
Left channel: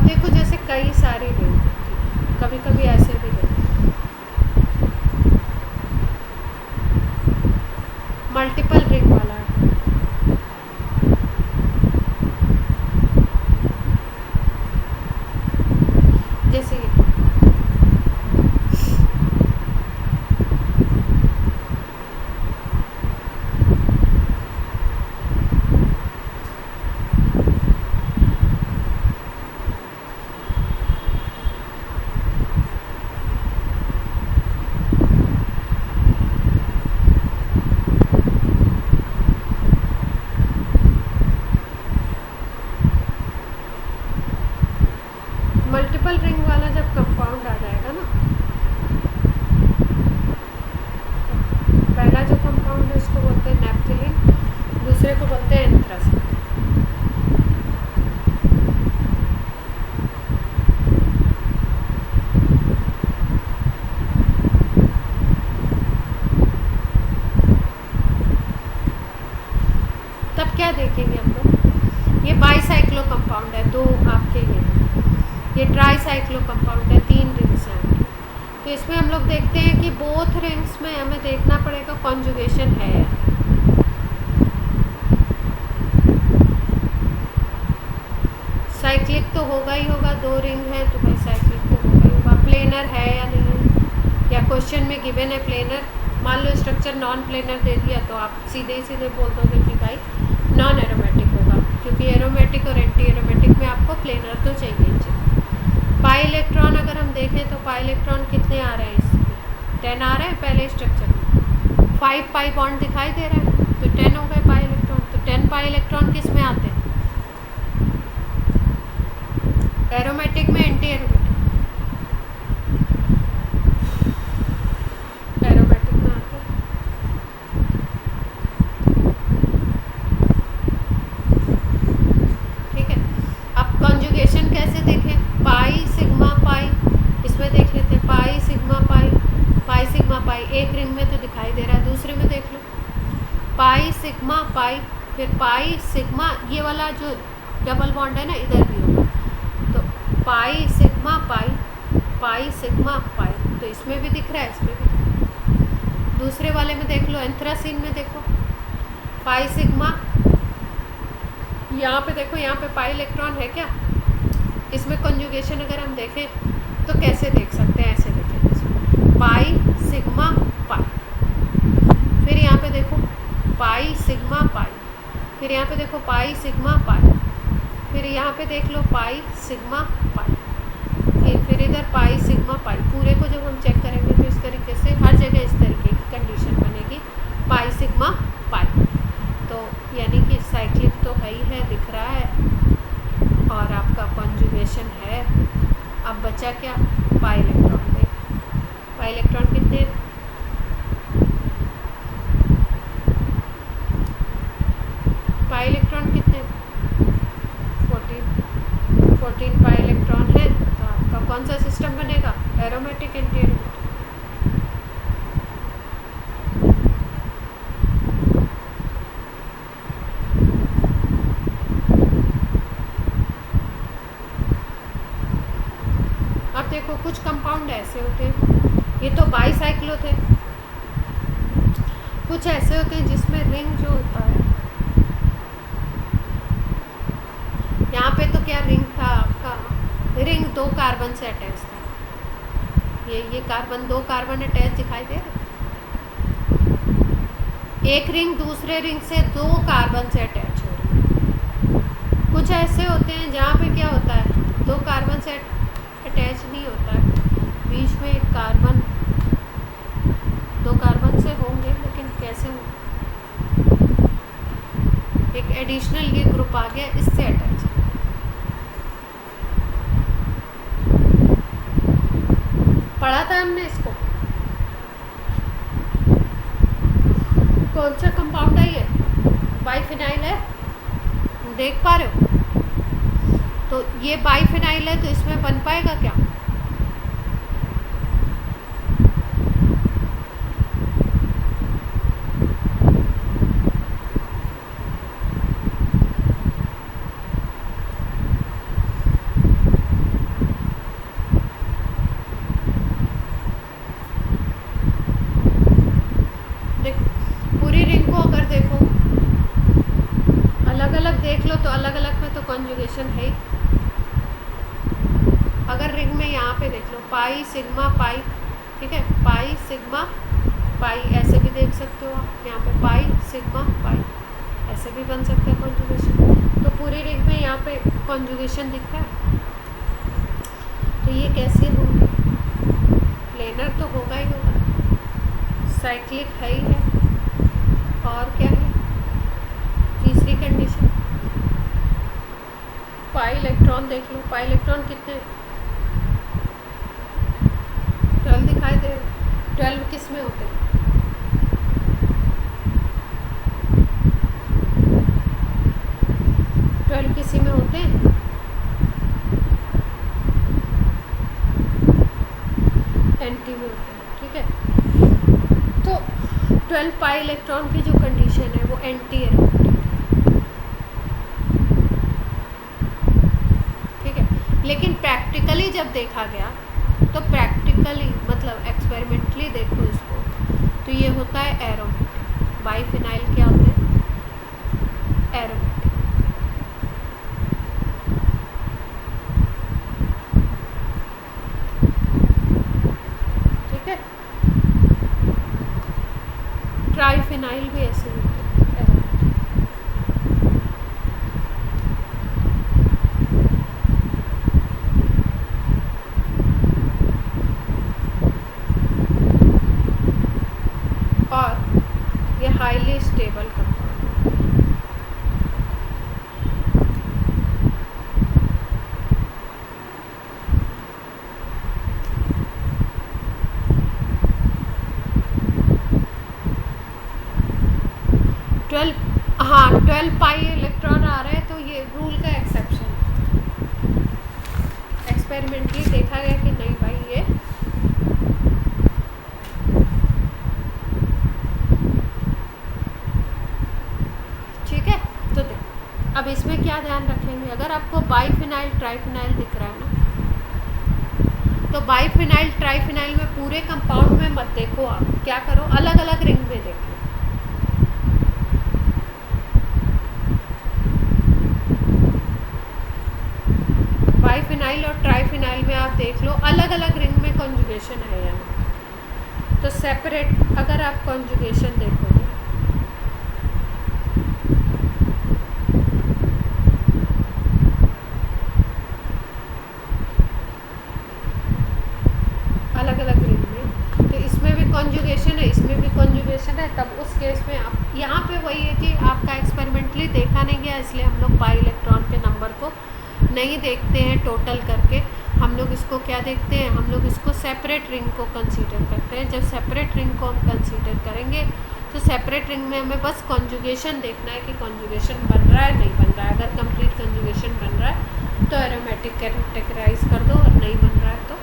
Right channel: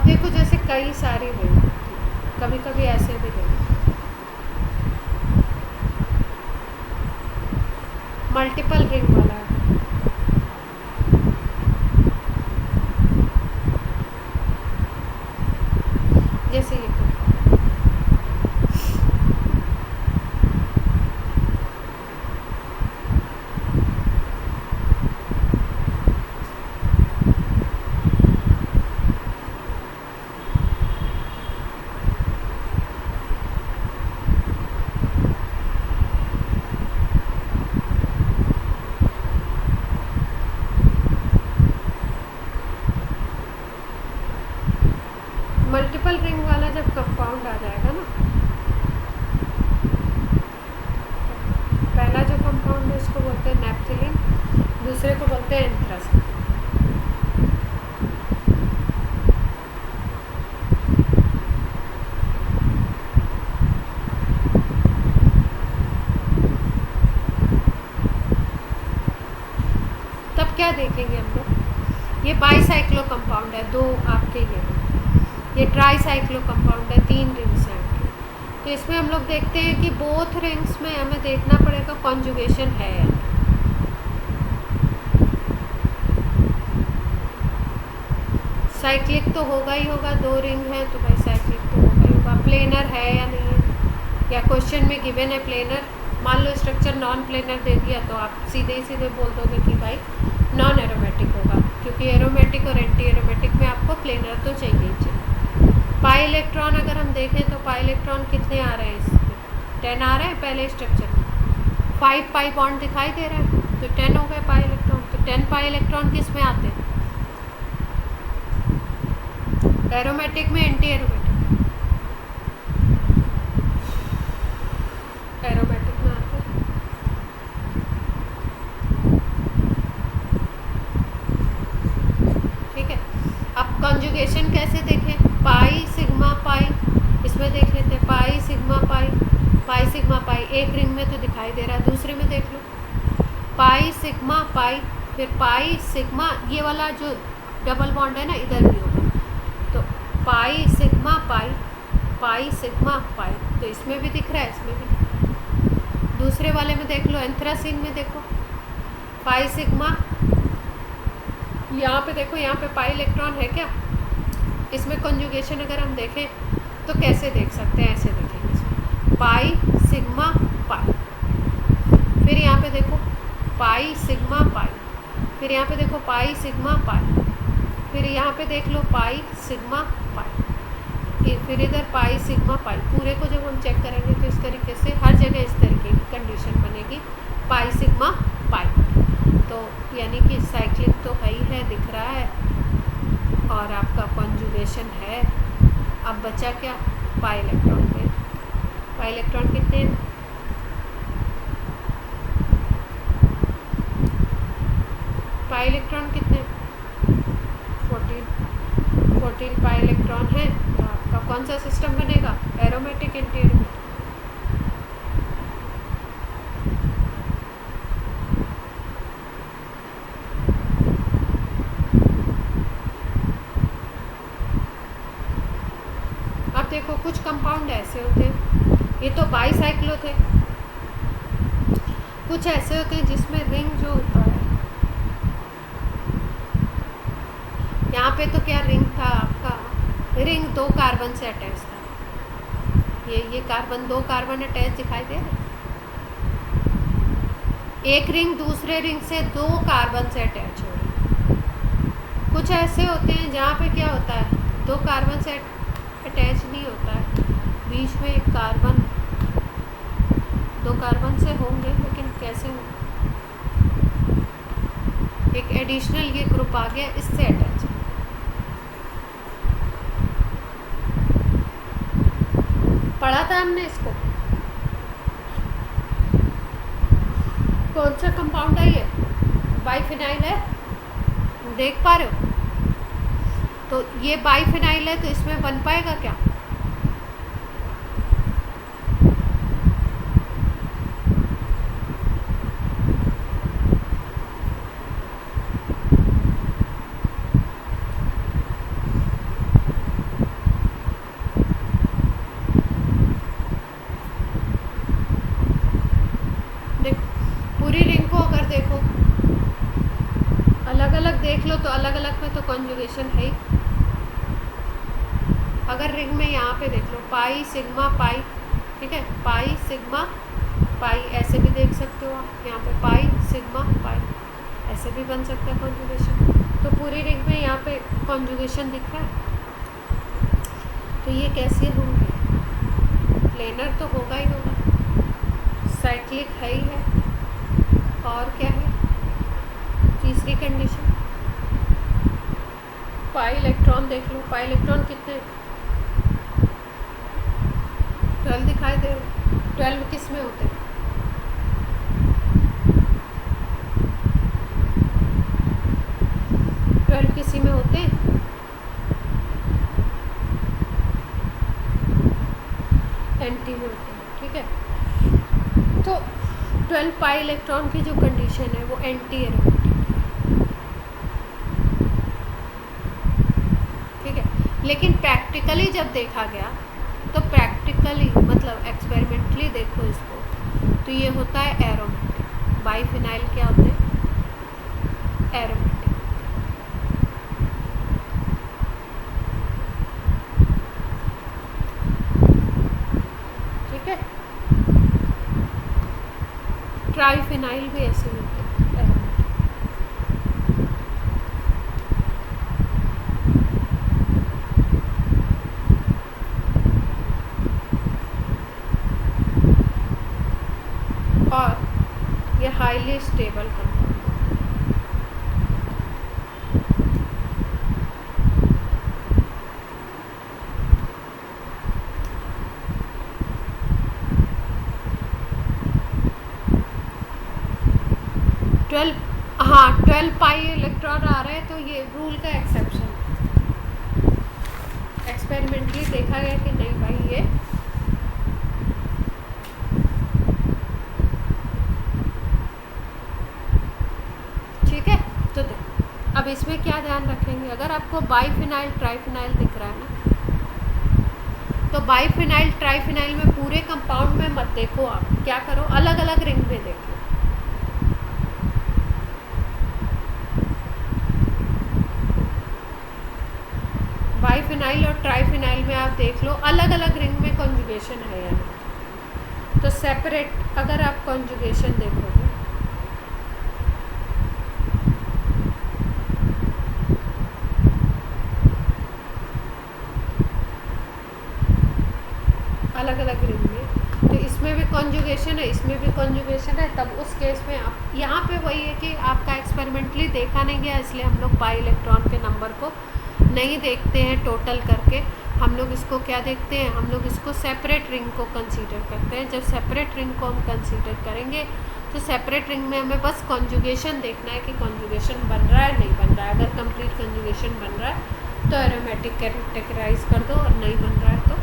देखो जैसे कई सारी रिंग होती है, कभी कभी ऐसे भी रिंग, मल्टीपल रिंग वाला है। जैसे ये मल्टीपल रिंग वाला जब कंपाउंड आ जाएगा ना, पहला जो कंपाउंड है उसको बोलते हैं नैप्थेलिन, दूसरे को बोलते हैं एंथ्रासिन। तब क्या देखेंगे हम लोग? ये बाईसाइक्लो कंपाउंड है, दो आपके ये ट्राईसाइक्लो कंपाउंड है, 3 रिंग्स हैं आपकी। तो इसमें हम लोग देखते हैं कि बोथ रिंग्स में हमें देखना पड़ेगा कॉन्जुगेशन है या नहीं। साइक्लिक तो होगा ही होगा, 2 रिंग है तो भाई साइक्लिक तो होगा ही होगा। प्लेनर है या नहीं है, या क्वेश्चन में गिवन है प्लेनर, मान लो स्ट्रक्चर नॉन प्लेनर दे दिया तो आप सीधे सीधे बोल दोगे कि भाई नॉन एरोमेटिक होगा, क्योंकि एरोमेटिक और एंटी एरोमेटिक में आपको प्लेनर तो चाहिए ही चाहिए। पाई इलेक्ट्रॉन अगर हम देखें तो पाई इलेक्ट्रॉन कितने आ रहे हैं इसमें? 10 आ रहे हैं पहले स्ट्रक्चर में, 5 पाई बॉन्ड दिखाई दे रहा है तो 10 हो गए पाई इलेक्ट्रॉन। तो 10 पाई इलेक्ट्रॉन किस में आते हैं? एरोमेटिक में, एंटी एरोमेटिक? एरोमेटिक में आते हैं। ठीक है, अब कॉन्जुगेशन कैसे देखें? पाई सिग्मा पाई, इसमें देख लेते हैं pi sigma pi, pi sigma pi, एक रिंग में तो दिखाई दे रहा है, दूसरे में देख लो पाई सिग्मा पाई, फिर पाई सिग्मा, ये वाला जो डबल बॉन्ड है ना इधर भी होगा, तो pi sigma pi, pi sigma pi, तो इसमें भी दिख रहा है, इसमें भी दिख रहा है। दूसरे वाले में देख लो, एंथ्रासीन में देखो पाई सिग्मा, यहाँ पे देखो, यहाँ पे पाई इलेक्ट्रॉन है क्या? इसमें कॉन्जुगेशन अगर हम देखें तो कैसे देख सकते हैं? ऐसे देखेंगे इसमें पाई सिग्मा पाई, फिर यहाँ पे देखो पाई सिग्मा पाई, फिर यहाँ पे देखो पाई सिग्मा पाई, फिर यहाँ पे देख लो पाई सिग्मा पाई, फिर इधर पाई सिग्मा पाई। पूरे को जब हम चेक करेंगे तो इस तरीके से हर जगह इस तरीके की कंडीशन बनेगी, पाई सिग्मा पाई। तो यानी कि साइक्लिक तो है ही है, दिख रहा है, और आपका कॉन्जुगेशन है। अब बचा क्या? पाई इलेक्ट्रॉन पे। पाई इलेक्ट्रॉन कितने? पाई इलेक्ट्रॉन कितने? 14 पाई इलेक्ट्रॉन है। तो आपका कौन सा सिस्टम बनेगा? Aromatic, anti aromatic. अब देखो कुछ कंपाउंड ऐसे होते हैं, ये तो बाईसाइक्लो थे, कुछ ऐसे होते हैं जिसमें रिंग जो होता है, यहाँ पे तो क्या रिंग था आपका? रिंग 2 कार्बन से अटैच था। ये कार्बन 2 कार्बन अटैच दिखाई दे रहे, एक रिंग दूसरे रिंग से 2 कार्बन से अटैच हो रही है। कुछ ऐसे होते हैं जहाँ पे क्या होता है, 2 कार्बन से अटैच नहीं होता है, बीच में एक कार्बन, 2 कार्बन से होंगे, लेकिन कैसे होंगे? एक एडिशनल ये ग्रुप आ गया, इससे अटैच है। पढ़ा था हमने इसको। कौन सा कंपाउंड है ये? बाइफिनाइल है, देख पा रहे हो? तो ये बाइफिनाइल है, तो इसमें बन पाएगा क्या? पूरी रिंग को अगर देखो, अलग अलग देख लो तो अलग अलग में तो कॉन्जुगेशन है ही। अगर रिंग में यहाँ पे देख लो पाई सिग्मा पाई, ठीक है, पाई सिग्मा पाई, ऐसे भी देख सकते हो आप, यहाँ पे पाई सिग्मा पाई, ऐसे भी बन सकता है कॉन्जुगेशन। तो पूरी रिंग में यहाँ पे कॉन्जुगेशन दिख रहा है, तो ये कैसे होंगे? प्लेनर तो होगा ही होगा, साइक्लिक है ही है, और क्या है? तीसरी कंडीशन पाई इलेक्ट्रॉन देख लो, पाई इलेक्ट्रॉन कितने? 12 दिखाई दे रहे। 12 किस में होते हैं? किसी में होते हैं, एंटी में होते हैं, ठीक है। तो 12 पाई इलेक्ट्रॉन की जो कंडीशन है वो एंटी एरोमेटिक है, ठीक है। लेकिन प्रैक्टिकली जब देखा गया, तो प्रैक्टिकली मतलब एक्सपेरिमेंटली देखो इसको, तो ये होता है एरोमेटिक। बाइफिनाइल क्या होते हैं? एरोमेटिक। ठीक है, ट्राइफिनाइल भी ऐसे ही होते हैं, एरोमेटिक। और ये हाईली स्टेबल कंपाउंड होते हैं। हाँ 12 पाई इलेक्ट्रॉन आ रहे हैं, तो ये रूल का एक्सेप्शन है। एक्सपेरिमेंटली देखा गया कि नहीं भाई, ये ठीक है। तो देखो अब इसमें क्या ध्यान रखेंगे, अगर आपको बाइफिनाइल ट्राइफिनाइल दिख रहा है ना, तो बाइफिनाइल ट्राइफिनाइल में पूरे कंपाउंड में मत देखो, आप क्या करो अलग अलग रिंग में देख लो। बाइफिनाइल और ट्राइफिनाइल में आप देख लो अलग अलग रिंग में कॉन्जुगेशन है या नहीं। तो सेपरेट अगर आप कॉन्जुगेशन देखोगे, अलग अलग रिंग में, तो इसमें भी कॉन्जुगेशन है, इसमें भी कॉन्जुगेशन है, तब उस केस में आप यहाँ पे वही है कि आपका एक्सपेरिमेंटली देखा नहीं गया, इसलिए हम लोग पाई इलेक्ट्रॉन के नंबर को नहीं देखते हैं टोटल करके। हम लोग इसको क्या देखते हैं, हम लोग इसको सेपरेट रिंग को कंसीडर करते हैं। जब सेपरेट रिंग को हम कंसीडर करेंगे तो सेपरेट रिंग में हमें बस कॉन्जुगेशन देखना है कि कॉन्जुगेशन बन रहा है नहीं बन रहा है। अगर कंप्लीट कॉन्जुगेशन बन रहा है तो एरोमेटिक कैरेक्टराइज कर दो, और नहीं बन रहा है तो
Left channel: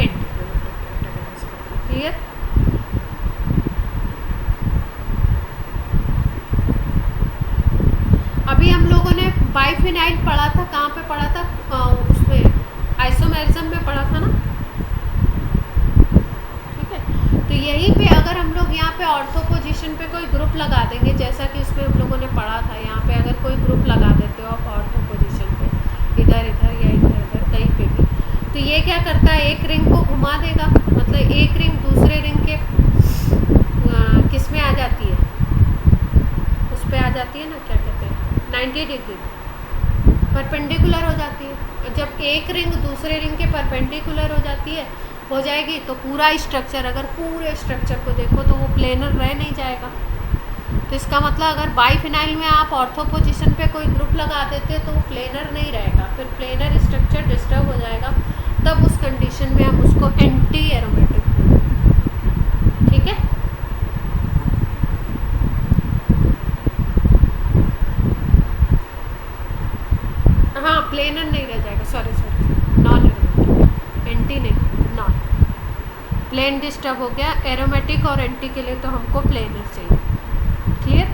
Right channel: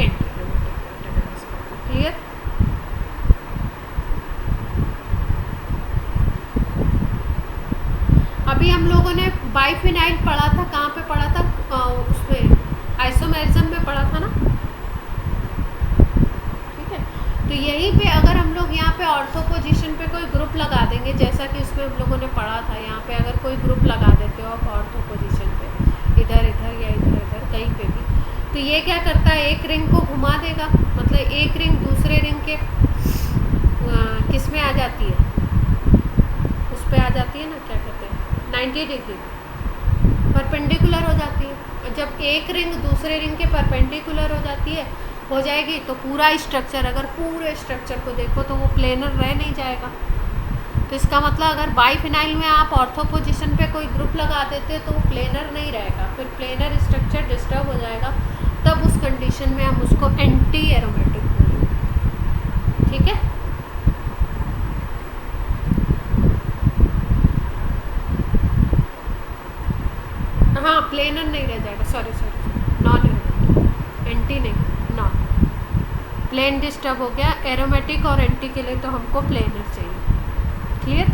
एंटी एरोमेटिक कैरेक्टराइज कर दो। क्लियर? अभी हम लोगों ने बाइफिनाइल पढ़ा था, कहाँ पे पढ़ा था, उसमें आइसोमेरिज्म में पढ़ा था ना, ठीक है। तो यहीं पे अगर हम लोग यहाँ पे ऑर्थो पोजीशन पे कोई ग्रुप लगा देंगे, जैसा कि उसमें हम लोगों ने पढ़ा था, यहाँ पे अगर कोई ग्रुप लगा देते हो आप ऑर्थो पोजीशन पे, इधर इधर या इधर इधर कहीं पे भी, तो ये क्या करता है, एक रिंग को घुमा देगा, मतलब एक रिंग दूसरे रिंग के किस में आ जाती है, उस पर आ जाती है ना, क्या कहते हैं, 90 डिग्री परपेंडिकुलर हो जाती है। और जब एक रिंग दूसरे रिंग के परपेंडिकुलर हो जाती है, हो जाएगी, तो पूरा स्ट्रक्चर, अगर पूरे स्ट्रक्चर को देखो तो वो प्लेनर रह नहीं जाएगा। तो इसका मतलब अगर बाइफिनाइल में आप ऑर्थो पोजीशन पे कोई ग्रुप लगा देते तो वो प्लेनर नहीं रहेगा, फिर प्लेनर स्ट्रक्चर डिस्टर्ब हो जाएगा, तब उस कंडीशन में हम उसको एंटी एरोमेटिक बोलेंगे। ठीक है? हाँ, प्लेनर नहीं रह जाएगा, सॉरी, नॉन एरोमेटिक, एंटी नहीं, नॉन। प्लेन डिस्टर्ब हो गया, एरोमेटिक और एंटी के लिए तो हमको प्लेनर चाहिए। क्लियर?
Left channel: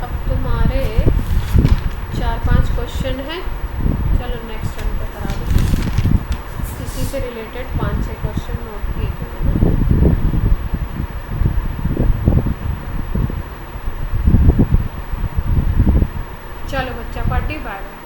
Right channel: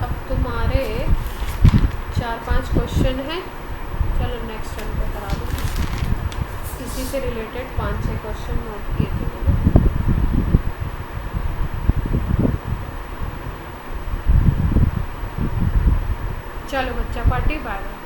अब तुम्हारे 4-5 क्वेश्चन हैं, चलो नेक्स्ट रन पे करा दो। इसी से रिलेटेड 5-6 क्वेश्चन नोट किए थे मैंने। चलो बच्चा पार्टी, बाय बाय।